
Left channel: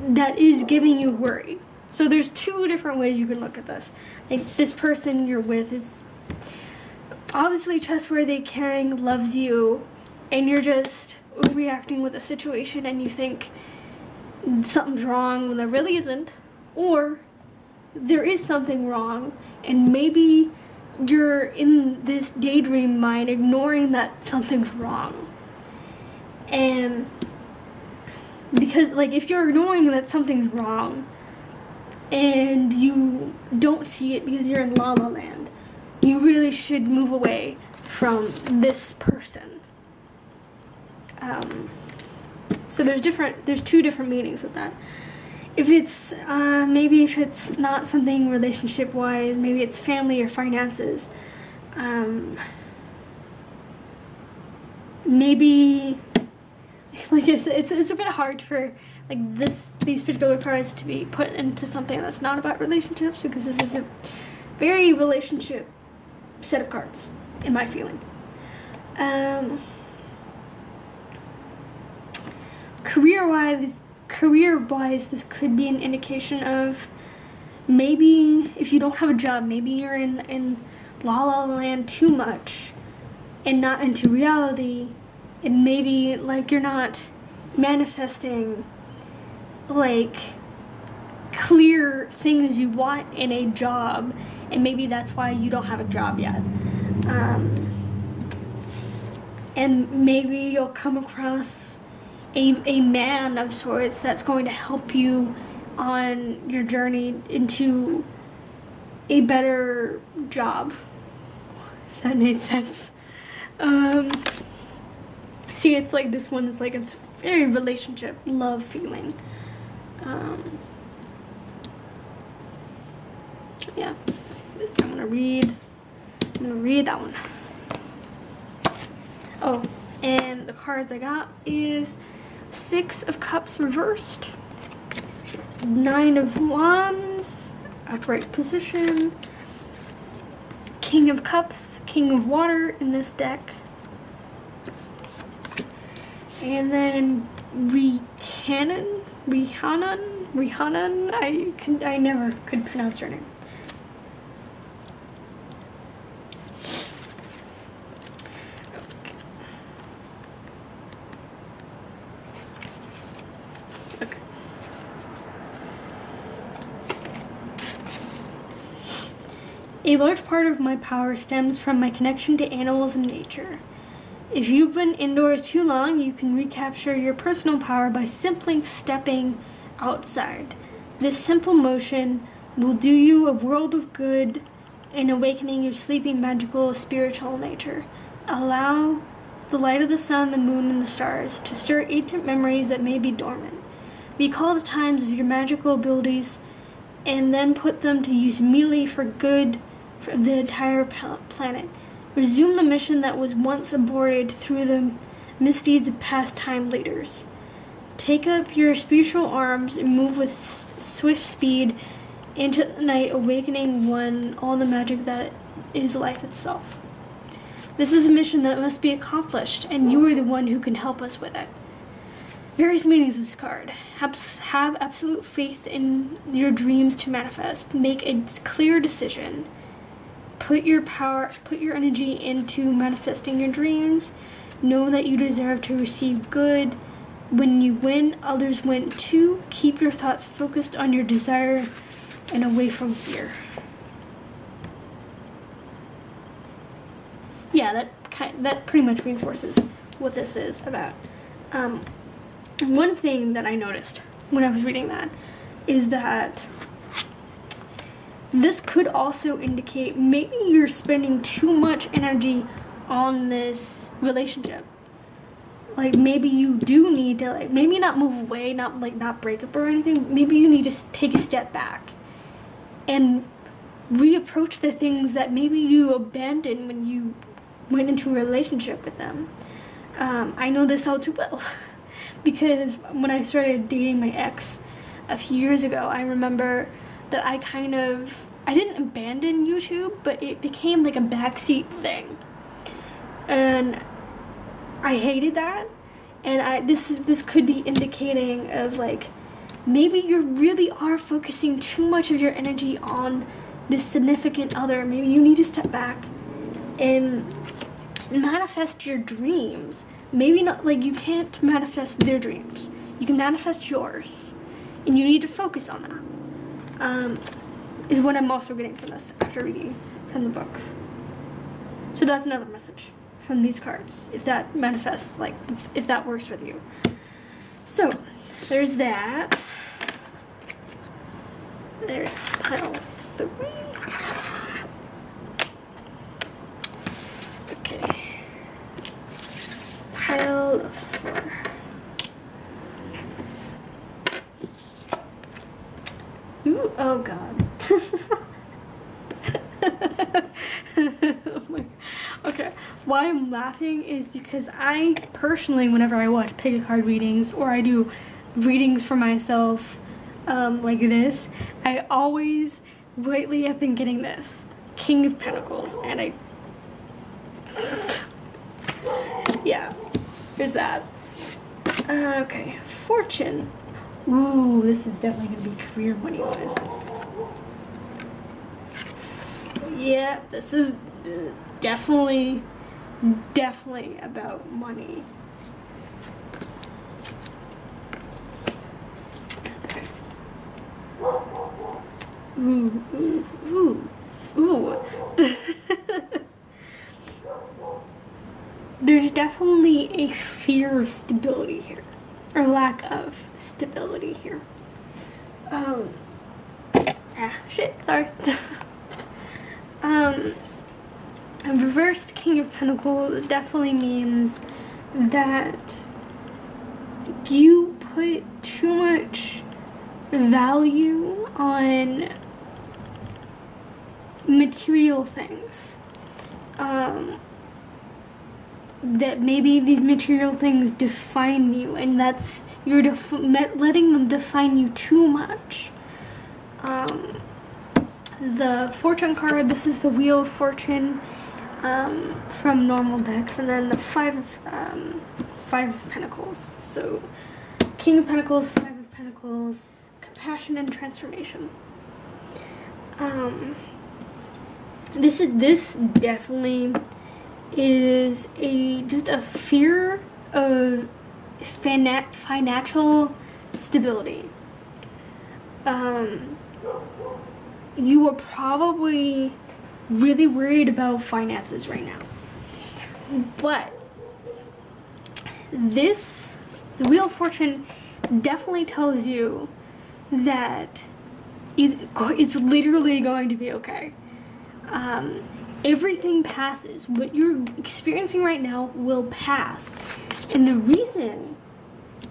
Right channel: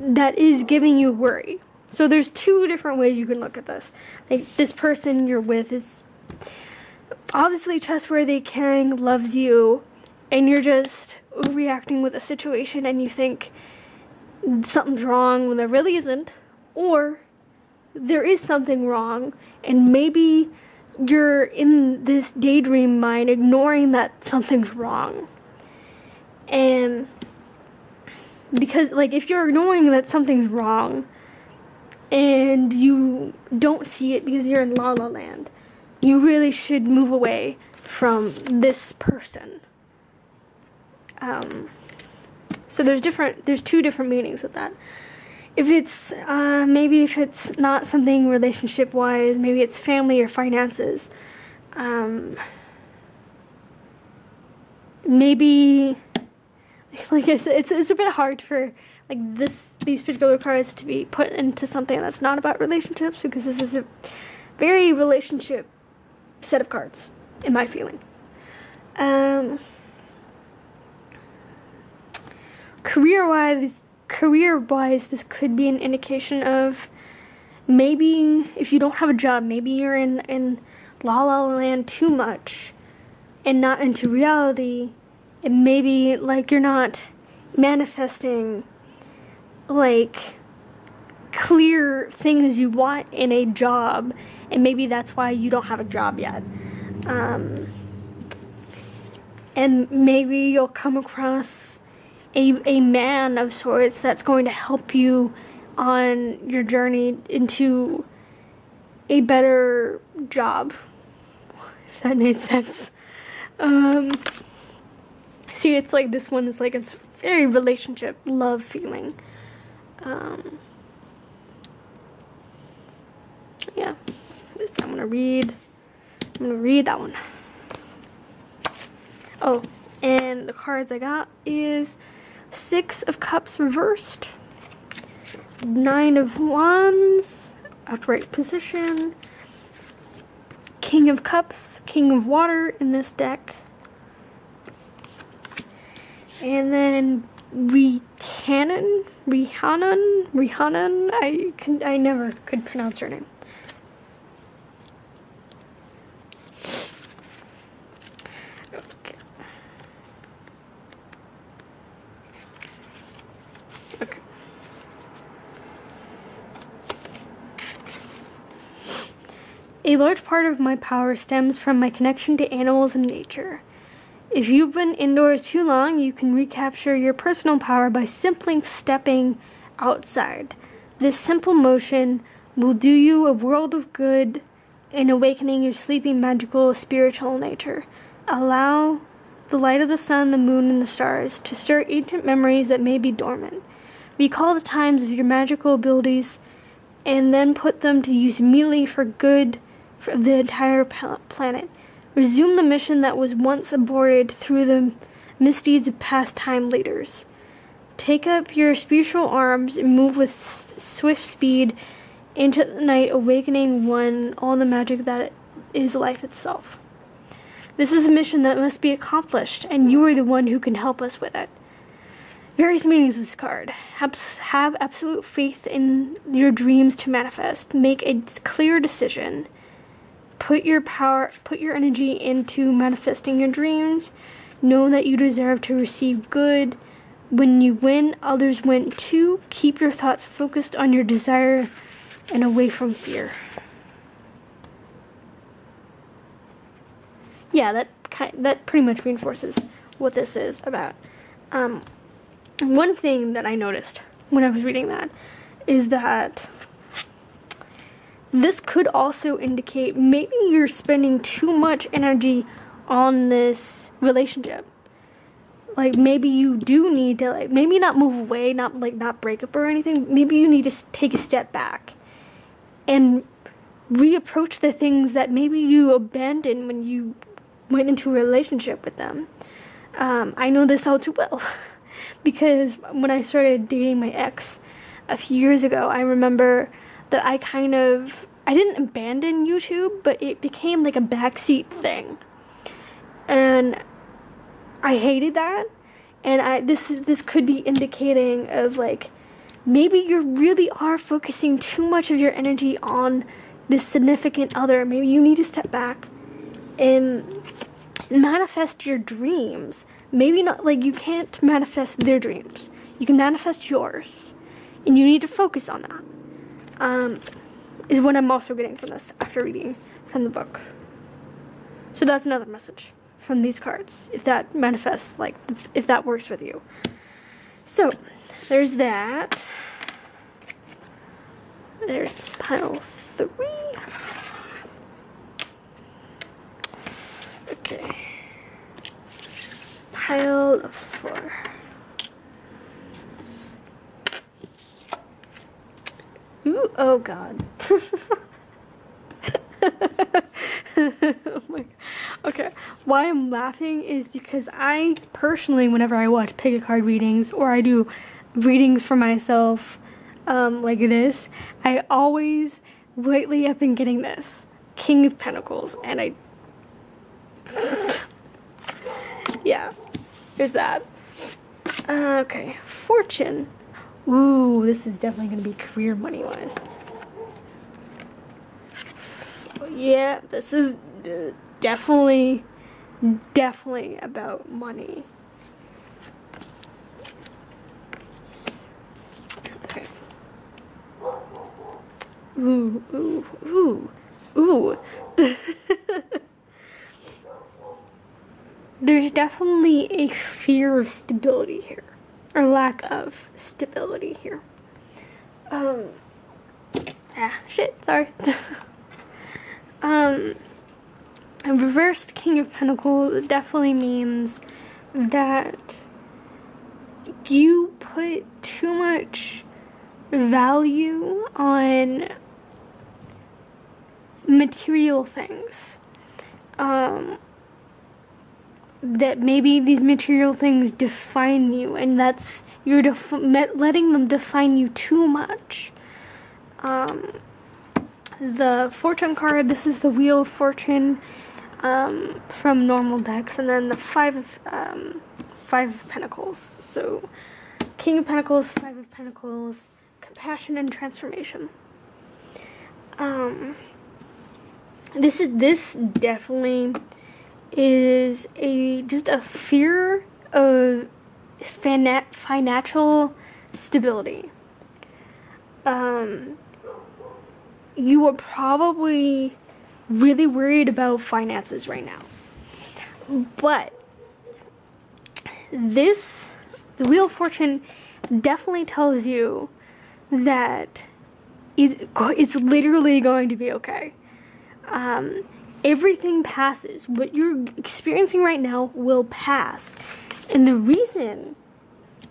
that is giving you worry. So there's two different ways you can look at this. Like, this person you're with is obviously trustworthy, caring, loves you, and you're just reacting with a situation and you think something's wrong when there really isn't, or there is something wrong and maybe you're in this daydream mind ignoring that something's wrong. And because, like, if you're ignoring that something's wrong and you don't see it because you're in La La Land, you really should move away from this person. So there's two different meanings of that. If it's, maybe if it's not something relationship-wise, maybe it's family or finances, maybe, like I said, it's a bit hard for, like, these particular cards to be put into something that's not about relationships, because this is a very relationship set of cards, in my feeling. Career-wise, this could be an indication of maybe if you don't have a job, maybe you're in La La Land too much and not into reality, and maybe, like, you're not manifesting, like, clear things you want in a job, and maybe that's why you don't have a job yet. And maybe you'll come across a man of sorts that's going to help you on your journey into a better job, if that made sense. See, it's like this one is like, it's very relationship, love feeling. Yeah, I'm gonna read that one. Oh, and the cards I got is Six of Cups reversed, Nine of Wands, upright position, King of Cups, King of Water in this deck, and then Rihanna, I never could pronounce her name. Okay. A large part of my power stems from my connection to animals and nature. If you've been indoors too long, you can recapture your personal power by simply stepping outside. This simple motion will do you a world of good in awakening your sleeping, magical, spiritual nature. Allow the light of the sun, the moon, and the stars to stir ancient memories that may be dormant. Recall the times of your magical abilities and then put them to use immediately for good for the entire planet. Resume the mission that was once aborted through the misdeeds of past time leaders. Take up your spiritual arms and move with swift speed into the night, awakening all the magic that is life itself. This is a mission that must be accomplished, and you are the one who can help us with it. Various meanings of this card. Have absolute faith in your dreams to manifest. Make a clear decision. Put your energy into manifesting your dreams. Know that you deserve to receive good. When you win, others win too. Keep your thoughts focused on your desire and away from fear. yeah, that pretty much reinforces what this is about. One thing that I noticed when I was reading that is that this could also indicate maybe you're spending too much energy on this relationship. Like, maybe you do need to, like, maybe not move away, not break up or anything. Maybe you need to take a step back and reapproach the things that maybe you abandoned when you went into a relationship with them. I know this all too well because when I started dating my ex a few years ago, I remember that I didn't abandon YouTube, but it became like a backseat thing. And I hated that, and this could be indicating of, like, maybe you really are focusing too much of your energy on this significant other. Maybe you need to step back and manifest your dreams. Maybe not, like, you can't manifest their dreams. You can manifest yours, and you need to focus on that. Is what I'm also getting from this after reading from the book. So that's another message from these cards, if that manifests, like, if that works with you. So, there's that. There's pile 3. Okay. Pile 4. Ooh, oh god. Okay, why I'm laughing is because I personally, whenever I watch pick a card readings or I do readings for myself like this, I always, lately I've been getting this King of Pentacles, and yeah, there's that. Okay, Fortune. Ooh, this is definitely going to be career money-wise. Yeah, this is definitely about money. Okay. Ooh, ooh, ooh, ooh. There's definitely a fear of stability here. Or lack of stability here. Sorry. A reversed King of Pentacles definitely means that you put too much value on material things. That maybe these material things define you, and that's you're letting them define you too much. The Fortune card, this is the Wheel of Fortune from normal decks, and then the Five of Pentacles. So King of Pentacles, Five of Pentacles, compassion and transformation. This definitely is just a fear of financial stability. You are probably really worried about finances right now, but the Wheel of Fortune definitely tells you that it's literally going to be okay. Everything passes. What you're experiencing right now will pass. And the reason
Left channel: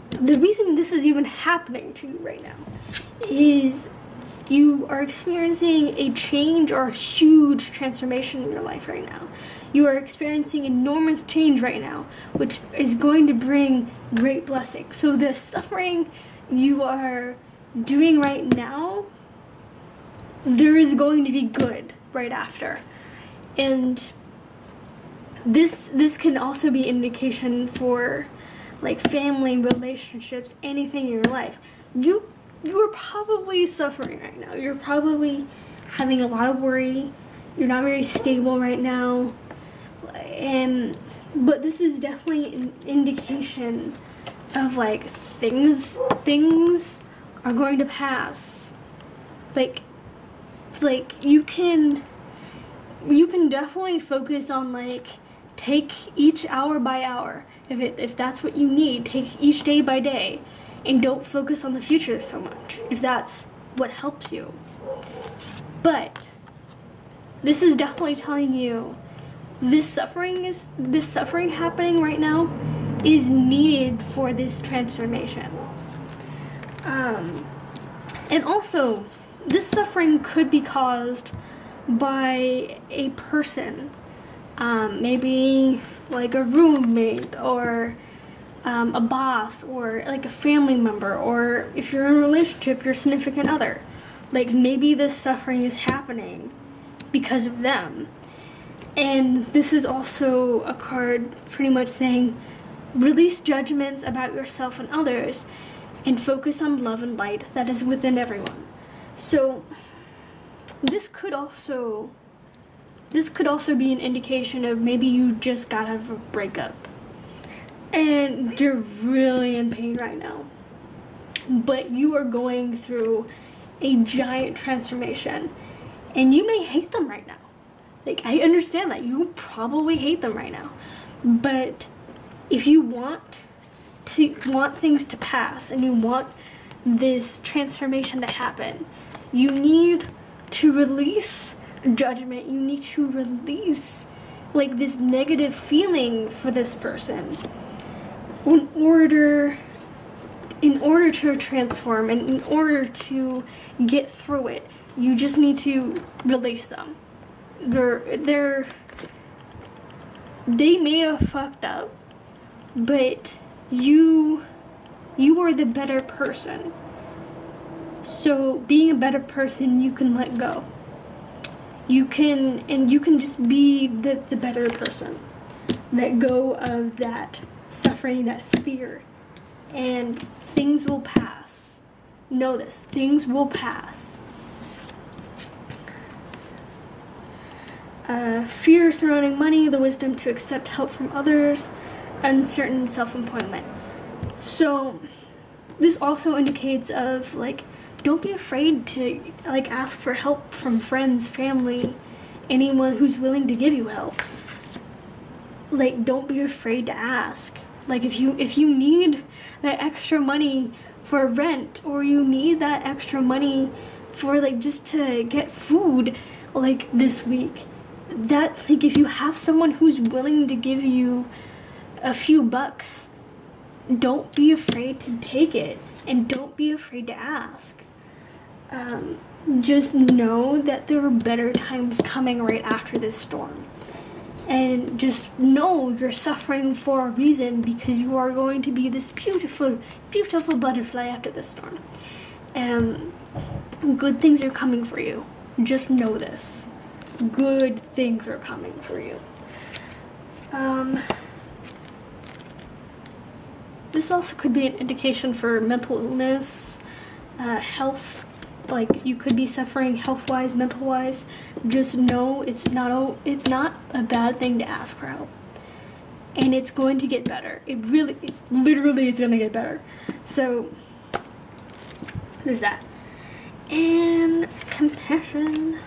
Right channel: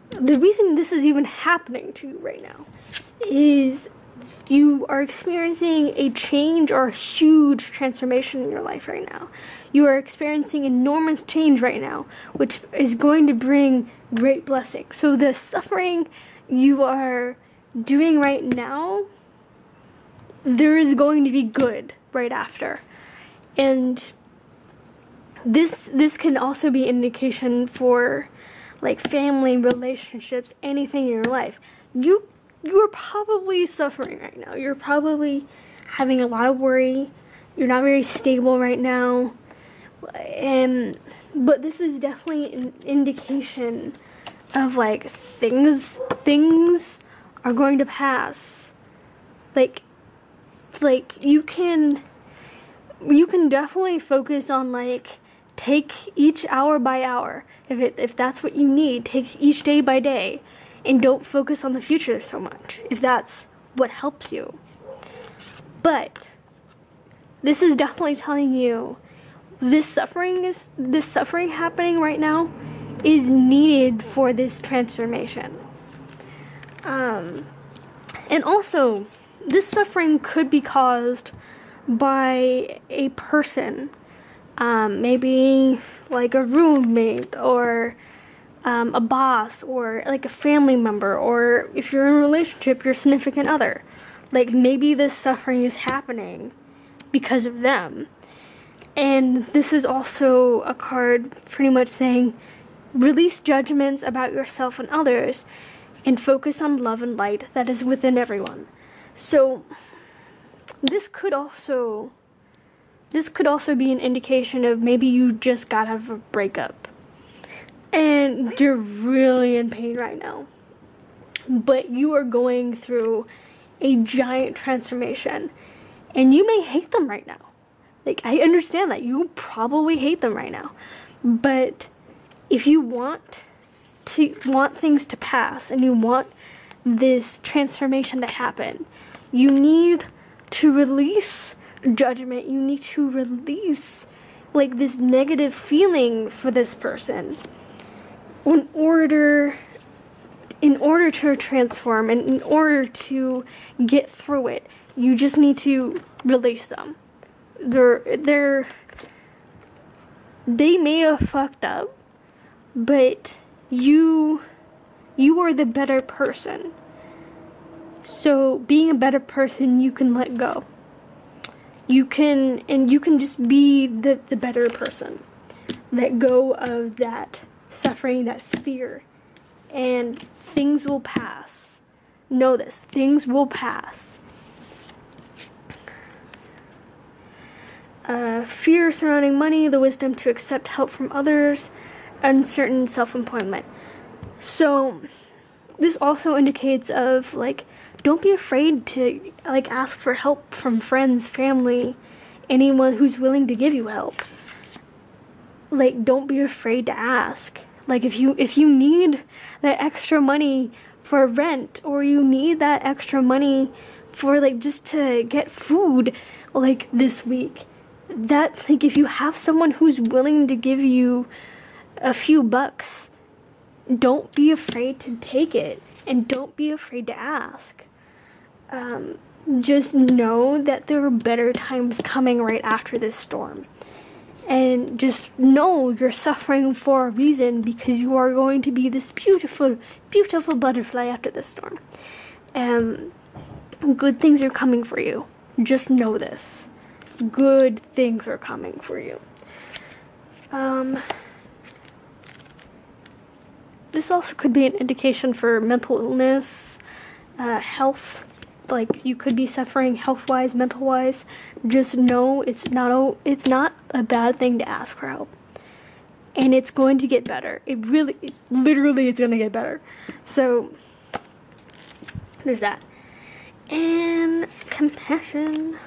this is even happening to you right now is you are experiencing a change or a huge transformation in your life right now. You are experiencing enormous change right now, which is going to bring great blessing. So the suffering you are doing right now, there is going to be good right after. And this can also be indication for, like, family, relationships, anything in your life. You are probably suffering right now. You're probably having a lot of worry. You're not very stable right now. But this is definitely an indication of, like, things are going to pass. Like you can definitely focus on, like, take each hour by hour. If that's what you need, take each day by day, and don't focus on the future so much, if that's what helps you. But this is definitely telling you this suffering happening right now is needed for this transformation. And also, this suffering could be caused by a person, maybe like a roommate, or a boss, or like a family member, or if you're in a relationship, your significant other. Like, maybe this suffering is happening because of them. And this is also a card pretty much saying, release judgments about yourself and others, and focus on love and light that is within everyone. So, this could also be an indication of maybe you just got out of a breakup and you're really in pain right now, but you are going through a giant transformation, and you may hate them right now. Like, I understand that you probably hate them right now, but if you want things to pass and you want this transformation to happen, you need to release judgment. You need to release like this negative feeling for this person in order to transform, and in order to get through it. You just need to release them. They may have fucked up, but you are the better person. So being a better person, you can let go. You can just be the better person. Let go of that suffering, that fear, and things will pass. Know this, things will pass. Fear surrounding money, the wisdom to accept help from others, uncertain self-employment. So this also indicates of like, don't be afraid to like ask for help from friends, family, anyone who's willing to give you help. Like, don't be afraid to ask. Like, if you need that extra money for rent, or you need that extra money for like just to get food like this week, that like if you have someone who's willing to give you a few bucks, don't be afraid to take it, and don't be afraid to ask. Just know that there are better times coming right after this storm. And just know you're suffering for a reason, because you are going to be this beautiful, beautiful butterfly after this storm. And good things are coming for you. Just know this. Good things are coming for you. This also could be an indication for mental illness, health. Like, you could be suffering health-wise, mental-wise. Just know it's not a bad thing to ask for help. And it's going to get better. Literally, it's going to get better. So, there's that. And compassion.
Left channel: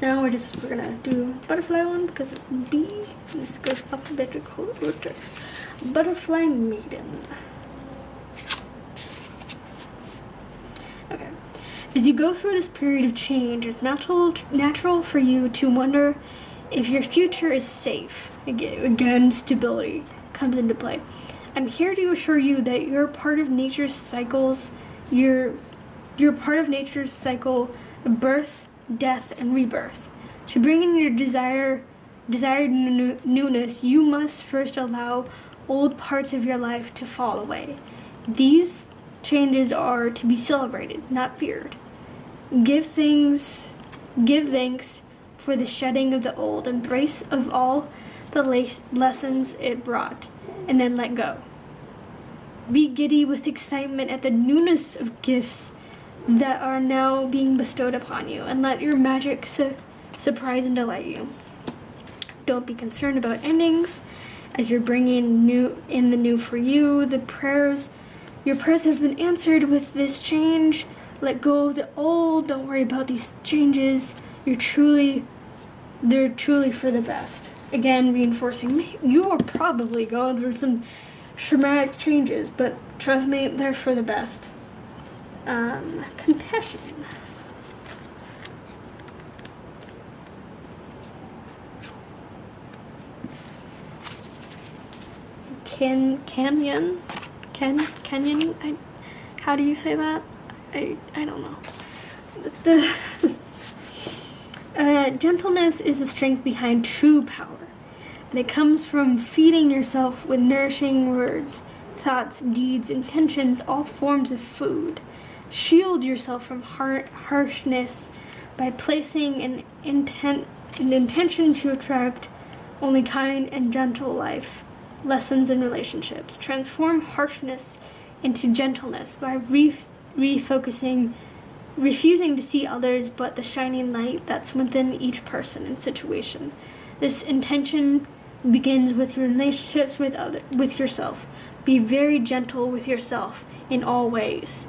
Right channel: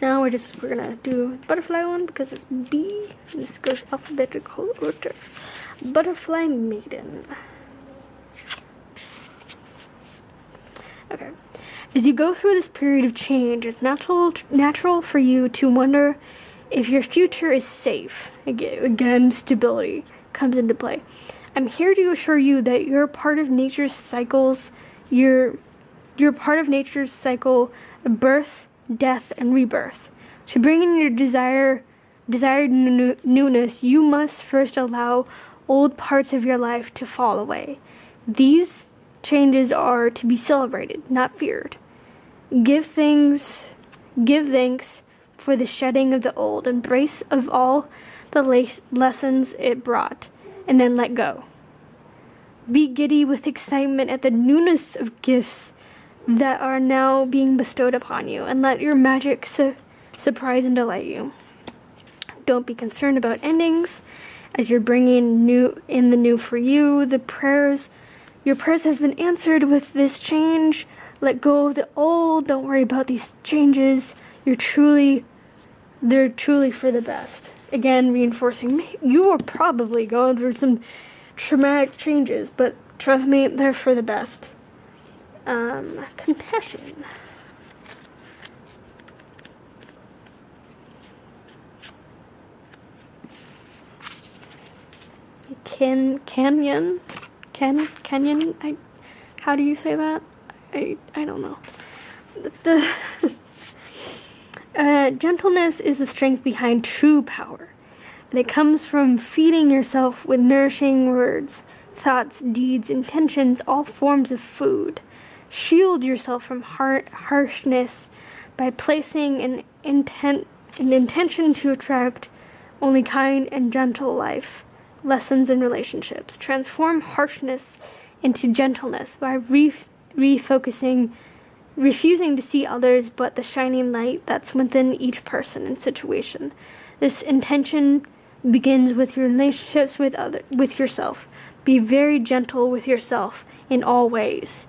Now we're going to do butterfly one, because it's B. This goes alphabetical order. Butterfly maiden. Okay. As you go through this period of change, it's natural for you to wonder if your future is safe. Again, stability comes into play. I'm here to assure you that you're part of nature's cycles. You're part of nature's cycle of birth, death, and rebirth. To bring in your desired newness, you must first allow old parts of your life to fall away. These changes are to be celebrated, not feared. Give thanks for the shedding of the old, embrace of all the lessons it brought, and then let go. Be giddy with excitement at the newness of gifts that are now being bestowed upon you, and let your magic surprise and delight you. Don't be concerned about endings, as you're bringing in the new for you. Your prayers have been answered with this change. Let go of the old. Don't worry about these changes. They're truly for the best. again, reinforcing you are probably going through some traumatic changes, but trust me, they're for the best. Compassion. Canyon, how do you say that? I don't know. Gentleness is the strength behind true power, and it comes from feeding yourself with nourishing words, thoughts, deeds, intentions, all forms of food. Shield yourself from harshness by placing an intention to attract only kind and gentle life, lessons and relationships. Transform harshness into gentleness by refocusing, refusing to see others but the shining light that's within each person and situation. This intention begins with your relationships with yourself. Be very gentle with yourself in all ways.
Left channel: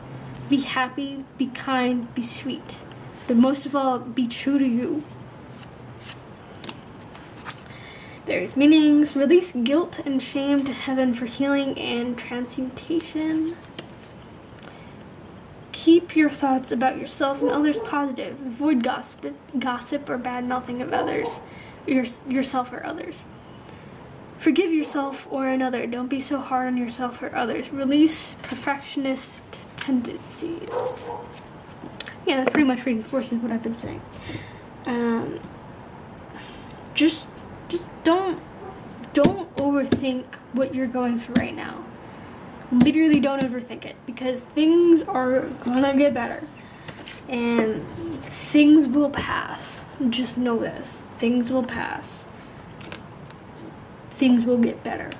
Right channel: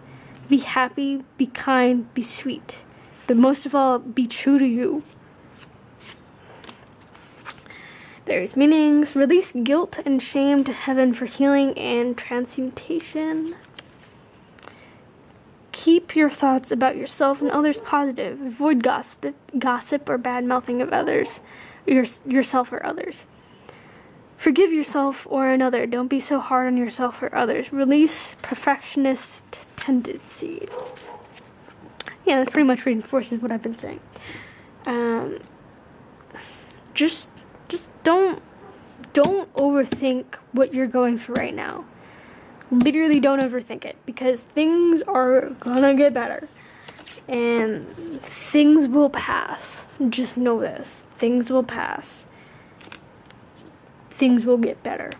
Be happy, be kind, be sweet. But most of all, be true to you. There's meanings. Release guilt and shame to heaven for healing and transmutation. Keep your thoughts about yourself and others positive. Avoid gossip or bad-mouthing of others, yourself or others. Forgive yourself or another. Don't be so hard on yourself or others. Release perfectionist tendencies. Yeah, that pretty much reinforces what I've been saying. Just don't overthink what you're going through right now. Literally don't overthink it, because things are gonna get better. And things will pass. Just know this. Things will pass. Things will get better.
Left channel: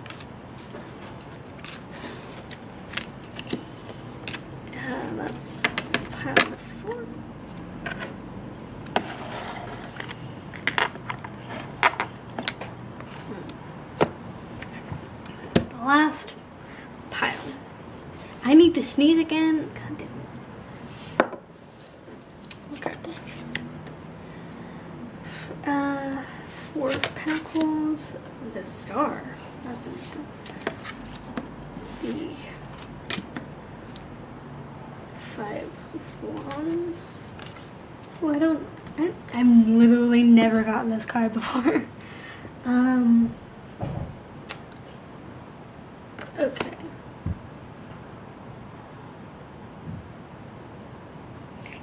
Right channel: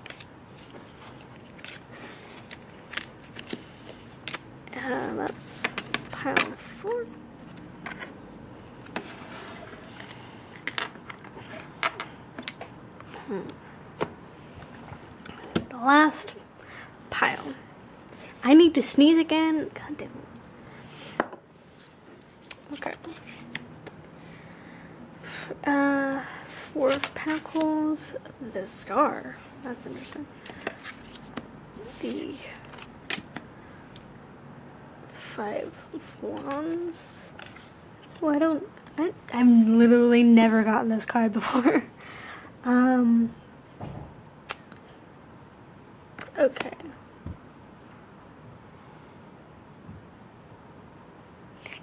That's pile 4. The last pile. I need to sneeze again. God damn it. Okay. 4 pentacles. The star. That's interesting. The 5 of wands. Well, I've literally never gotten this card before. Okay.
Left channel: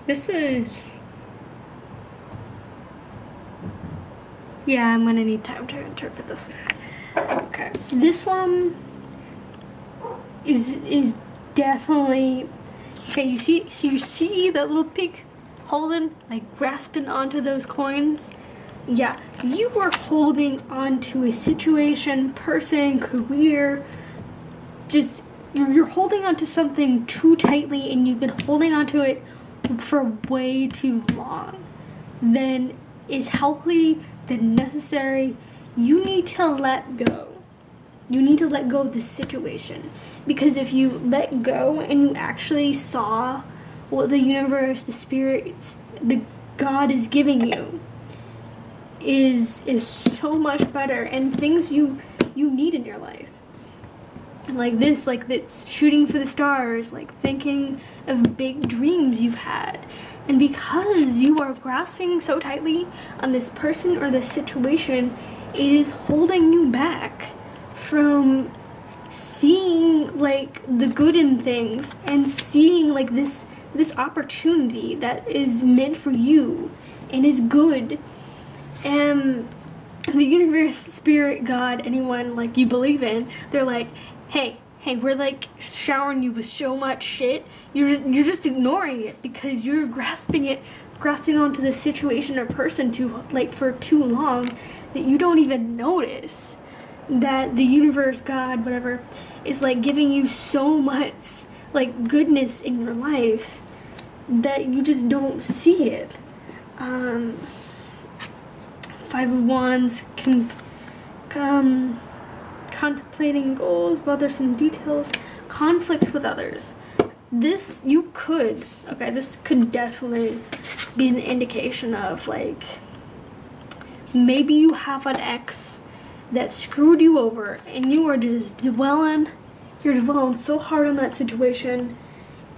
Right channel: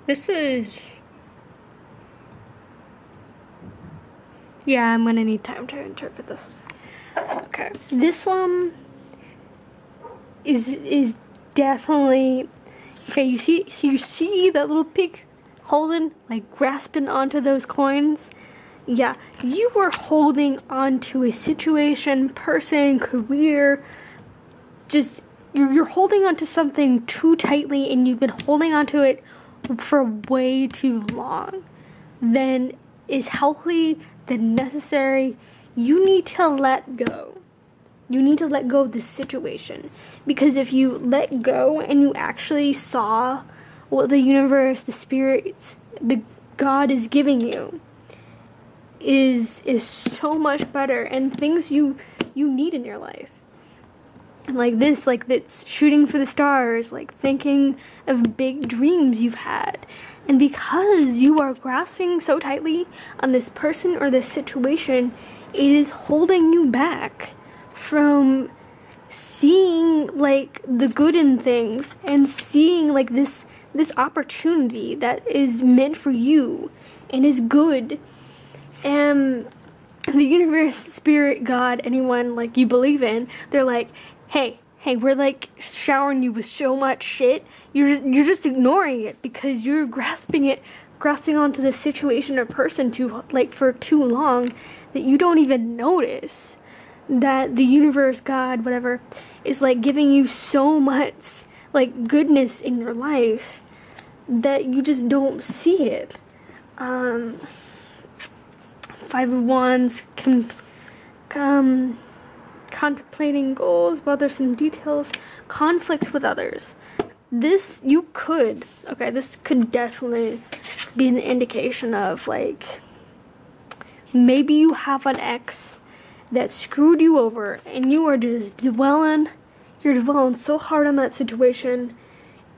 This is... Yeah, I'm gonna need time to interpret this. Okay. This one is definitely... Okay, you see that little pig holding, like, grasping onto those coins? Yeah, you were holding onto a situation, person, career, just, you're holding onto something too tightly, and you've been holding onto it for way too long. Then is healthy, then necessary. You need to let go. You need to let go of this situation. Because if you let go and you actually saw what the universe, the spirits, the God is giving you, is so much better, and things you need in your life. Like this shooting for the stars, like thinking of big dreams you've had. And because you are grasping so tightly on this person or this situation, it is holding you back from seeing, like, the good in things and seeing, like, this opportunity that is meant for you and is good. And the universe, spirit, God, anyone, like, you believe in, they're like, hey, we're, like, showering you with so much shit. You're just ignoring it because you're grasping onto this situation or person for too long that you don't even notice that the universe, God, whatever, is, like, giving you so much, like, goodness in your life that you just don't see it. 5 of Wands, contemplating goals, bothersome details, conflict with others. This could definitely be an indication of, like, maybe you have an ex that screwed you over, and you are just dwelling so hard on that situation,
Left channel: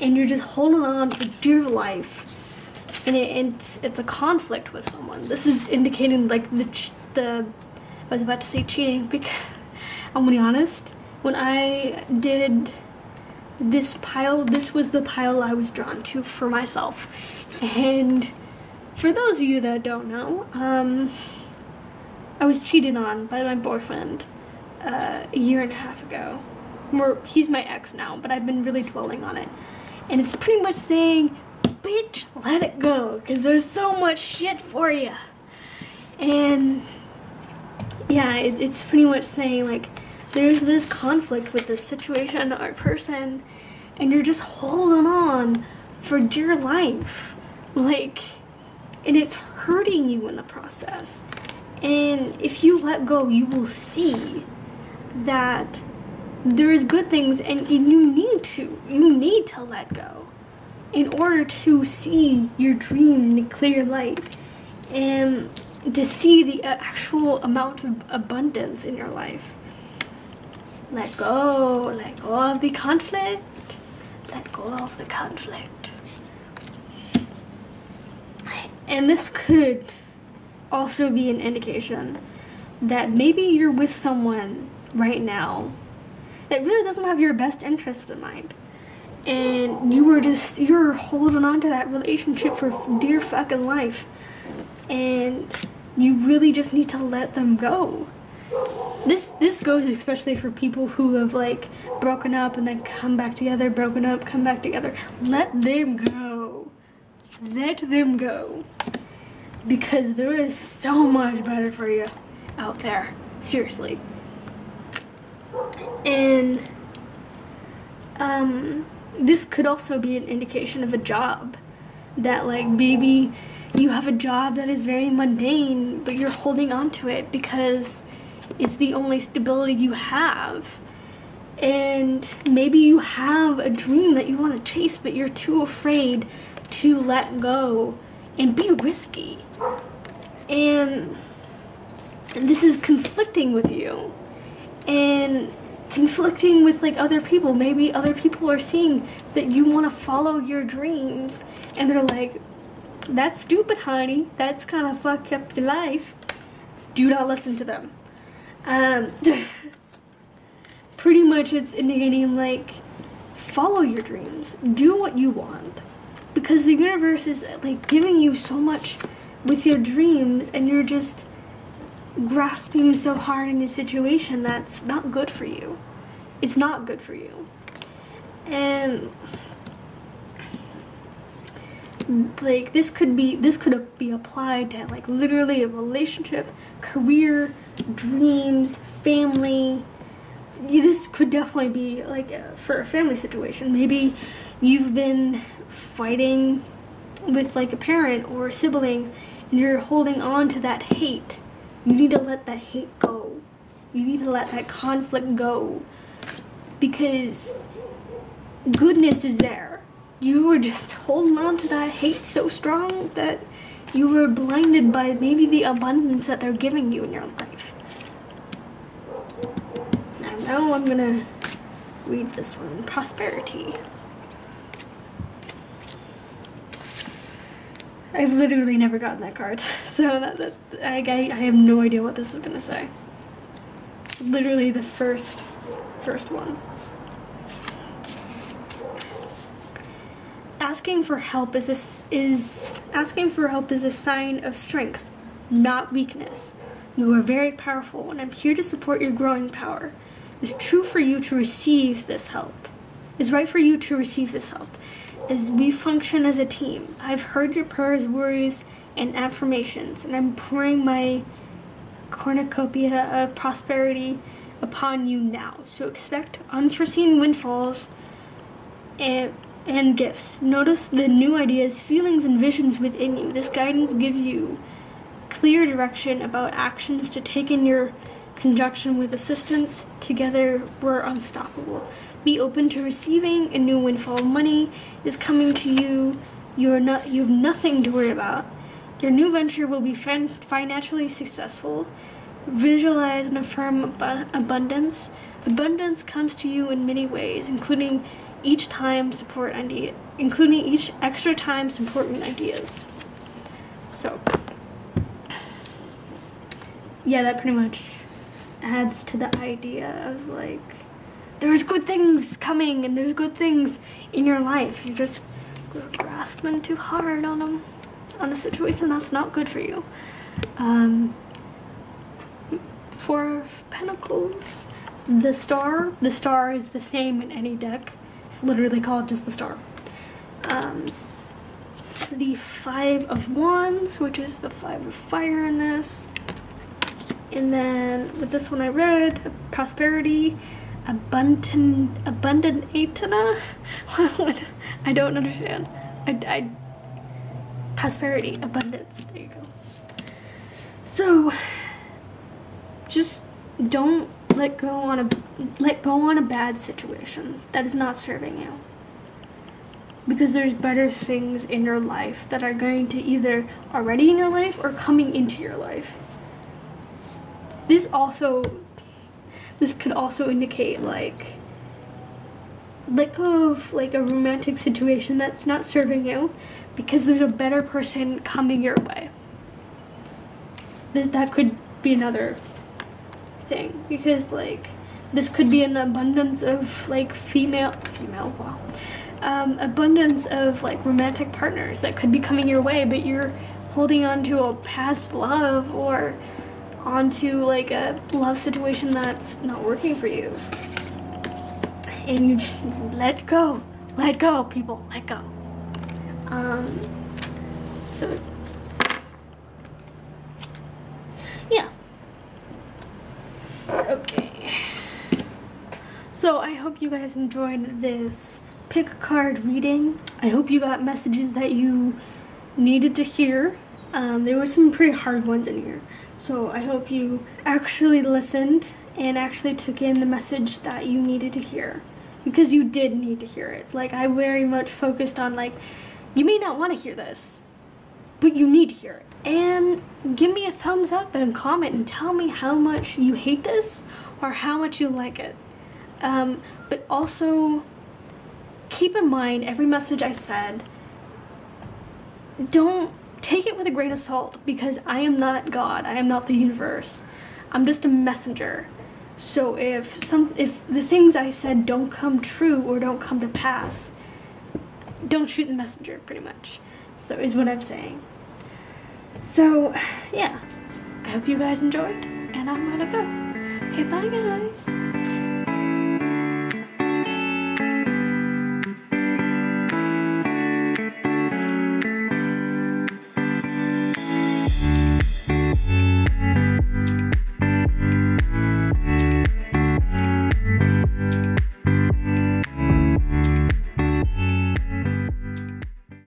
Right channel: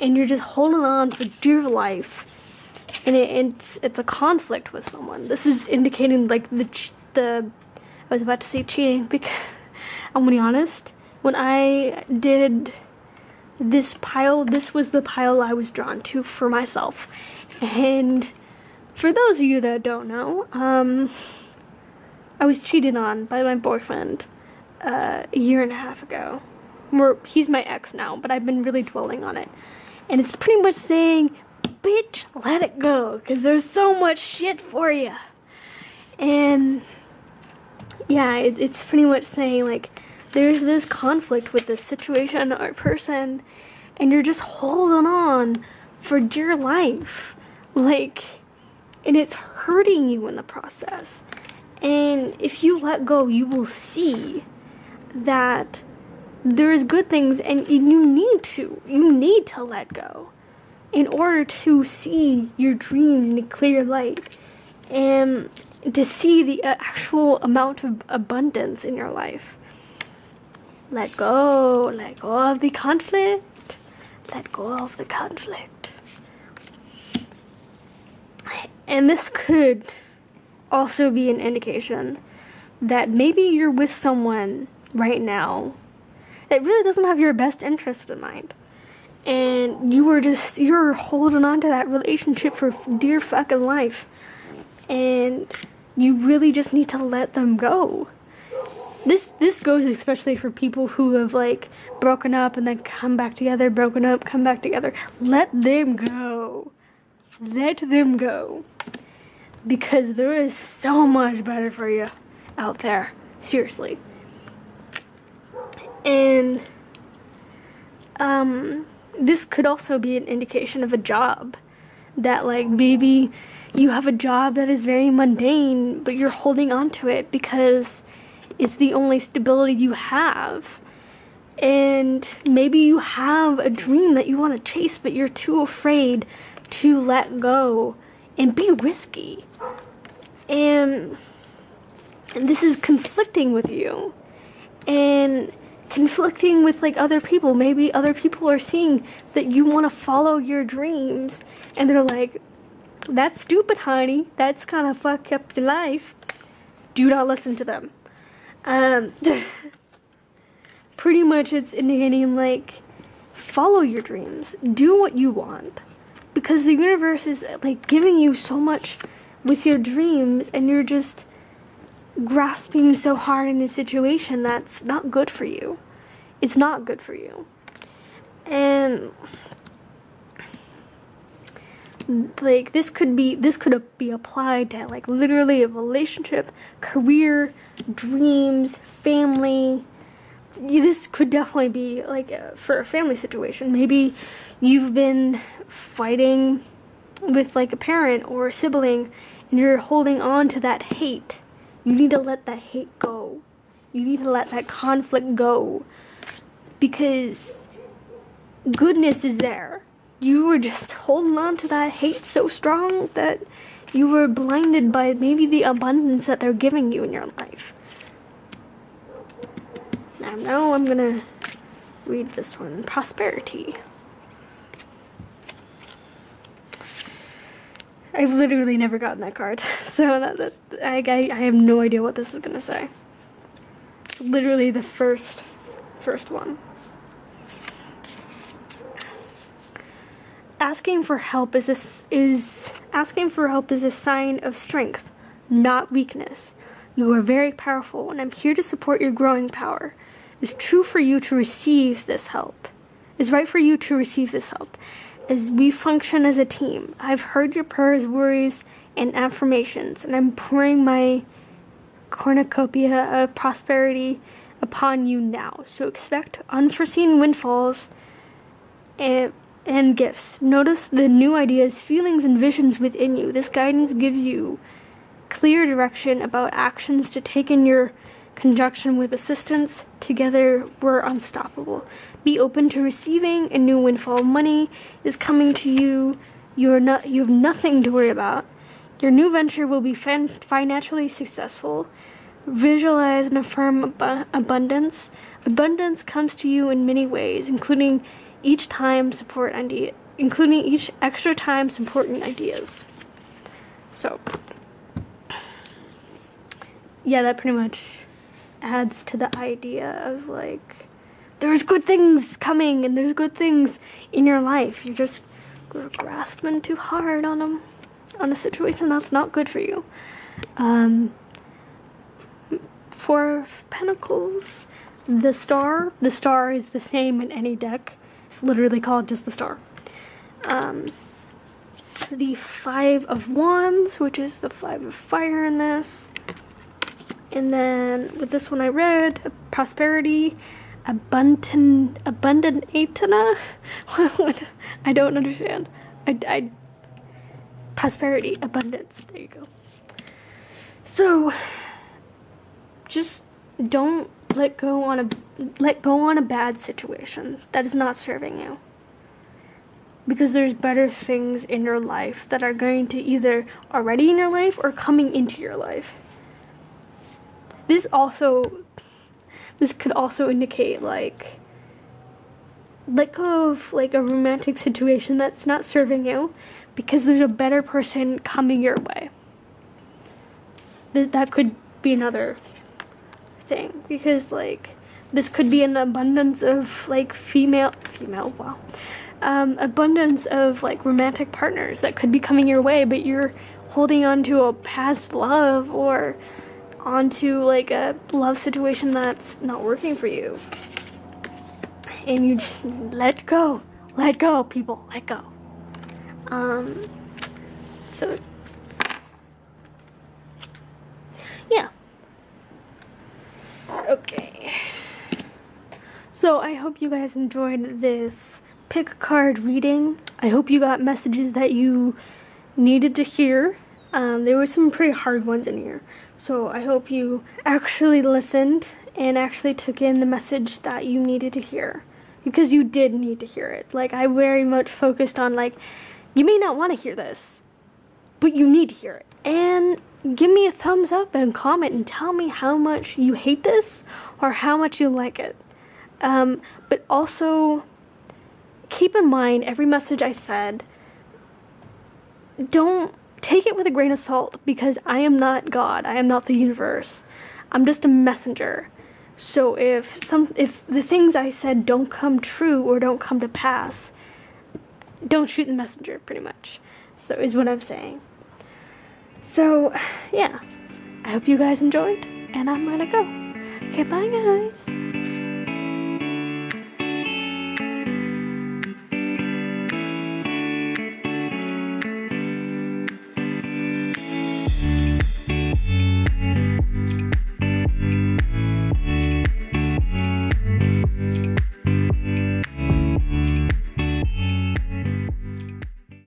and you're just holding on for dear life, and it's a conflict with someone. This is indicating like I was about to say cheating, because I'm gonna be honest, when I did this pile, this was the pile I was drawn to for myself. And for those of you that don't know, I was cheated on by my boyfriend a year and a half ago. He's my ex now, but I've been really dwelling on it. And it's pretty much saying, bitch, let it go, because there's so much shit for you. And yeah, it's pretty much saying, like, there's this conflict with this situation or person, and you're just holding on for dear life. Like, and it's hurting you in the process. And if you let go, you will see that there's good things, and you need to let go in order to see your dreams in a clear light, and to see the actual amount of abundance in your life. Let go of the conflict, let go of the conflict. And this could also be an indication that maybe you're with someone right now that really doesn't have your best interest in mind, and you're holding on to that relationship for dear fucking life, and you really just need to let them go. This goes especially for people who have, like, broken up and then come back together, broken up, come back together. Let them go. Let them go. Because there is so much better for you out there. Seriously. And this could also be an indication of a job. That, like, maybe you have a job that is very mundane, but you're holding on to it because it's the only stability you have. And maybe you have a dream that you want to chase, but you're too afraid to let go and be risky. And this is conflicting with you, and conflicting with, like, other people. Maybe other people are seeing that you want to follow your dreams, and they're like, that's stupid, honey. That's kind of fuck up your life. Do not listen to them. Pretty much it's indicating, like, follow your dreams. Do what you want. Because the universe is, like, giving you so much with your dreams, and you're just grasping so hard in a situation that's not good for you. It's not good for you. And, like, this could be applied to, like, literally a relationship, career, dreams, family. This could definitely be, like, for a family situation. Maybe you've been fighting with, like, a parent or a sibling, and you're holding on to that hate. You need to let that hate go. You need to let that conflict go, because goodness is there. You were just holding on to that hate so strong that you were blinded by maybe the abundance that they're giving you in your life. Now I'm gonna read this one. Prosperity. I've literally never gotten that card, so I have no idea what this is gonna say. It's literally the first one. Asking for help is a sign of strength, not weakness. You are very powerful, and I'm here to support your growing power. It's true for you to receive this help. It's right for you to receive this help, as we function as a team. I've heard your prayers, worries, and affirmations, and I'm pouring my cornucopia of prosperity upon you now. So expect unforeseen windfalls and gifts. Notice the new ideas, feelings, and visions within you. This guidance gives you clear direction about actions to take in your conjunction with assistance. Together, we're unstoppable. Be open to receiving a new windfall. Money is coming to you. You have nothing to worry about. Your new venture will be financially successful. Visualize and affirm abundance. Abundance comes to you in many ways, including each extra time supporting ideas. So, yeah, that pretty much adds to the idea of like, there's good things coming and there's good things in your life. You're just grasping too hard on a situation that's not good for you. Four of Pentacles. The Star is the same in any deck. It's literally called just the Star. The Five of Wands, which is the 5 of fire in this. And then with this one I read, prosperity, abundant atana. I don't understand. Prosperity, abundance. There you go. So just don't let go on a bad situation that is not serving you. Because there's better things in your life that are going to either already in your life or coming into your life. This could also indicate like let go of like a romantic situation that's not serving you because there's a better person coming your way. That could be another thing, because like this could be an abundance of like abundance of like romantic partners that could be coming your way, but you're holding on to a past love or onto like a love situation that's not working for you, and you just let go, people, let go. So yeah. Okay. So I hope you guys enjoyed this pick a card reading. I hope you got messages that you needed to hear. There were some pretty hard ones in here. So I hope you actually listened and actually took in the message that you needed to hear. Because you did need to hear it. Like, I very much focused on, like, you may not want to hear this, but you need to hear it. And give me a thumbs up and comment and tell me how much you hate this or how much you like it. But also, keep in mind every message I said, don't take it with a grain of salt, because I am not God. I am not the universe. I'm just a messenger. So if the things I said don't come true or don't come to pass, don't shoot the messenger, pretty much. So is what I'm saying. So yeah, I hope you guys enjoyed, and I'm gonna go. Okay, bye guys.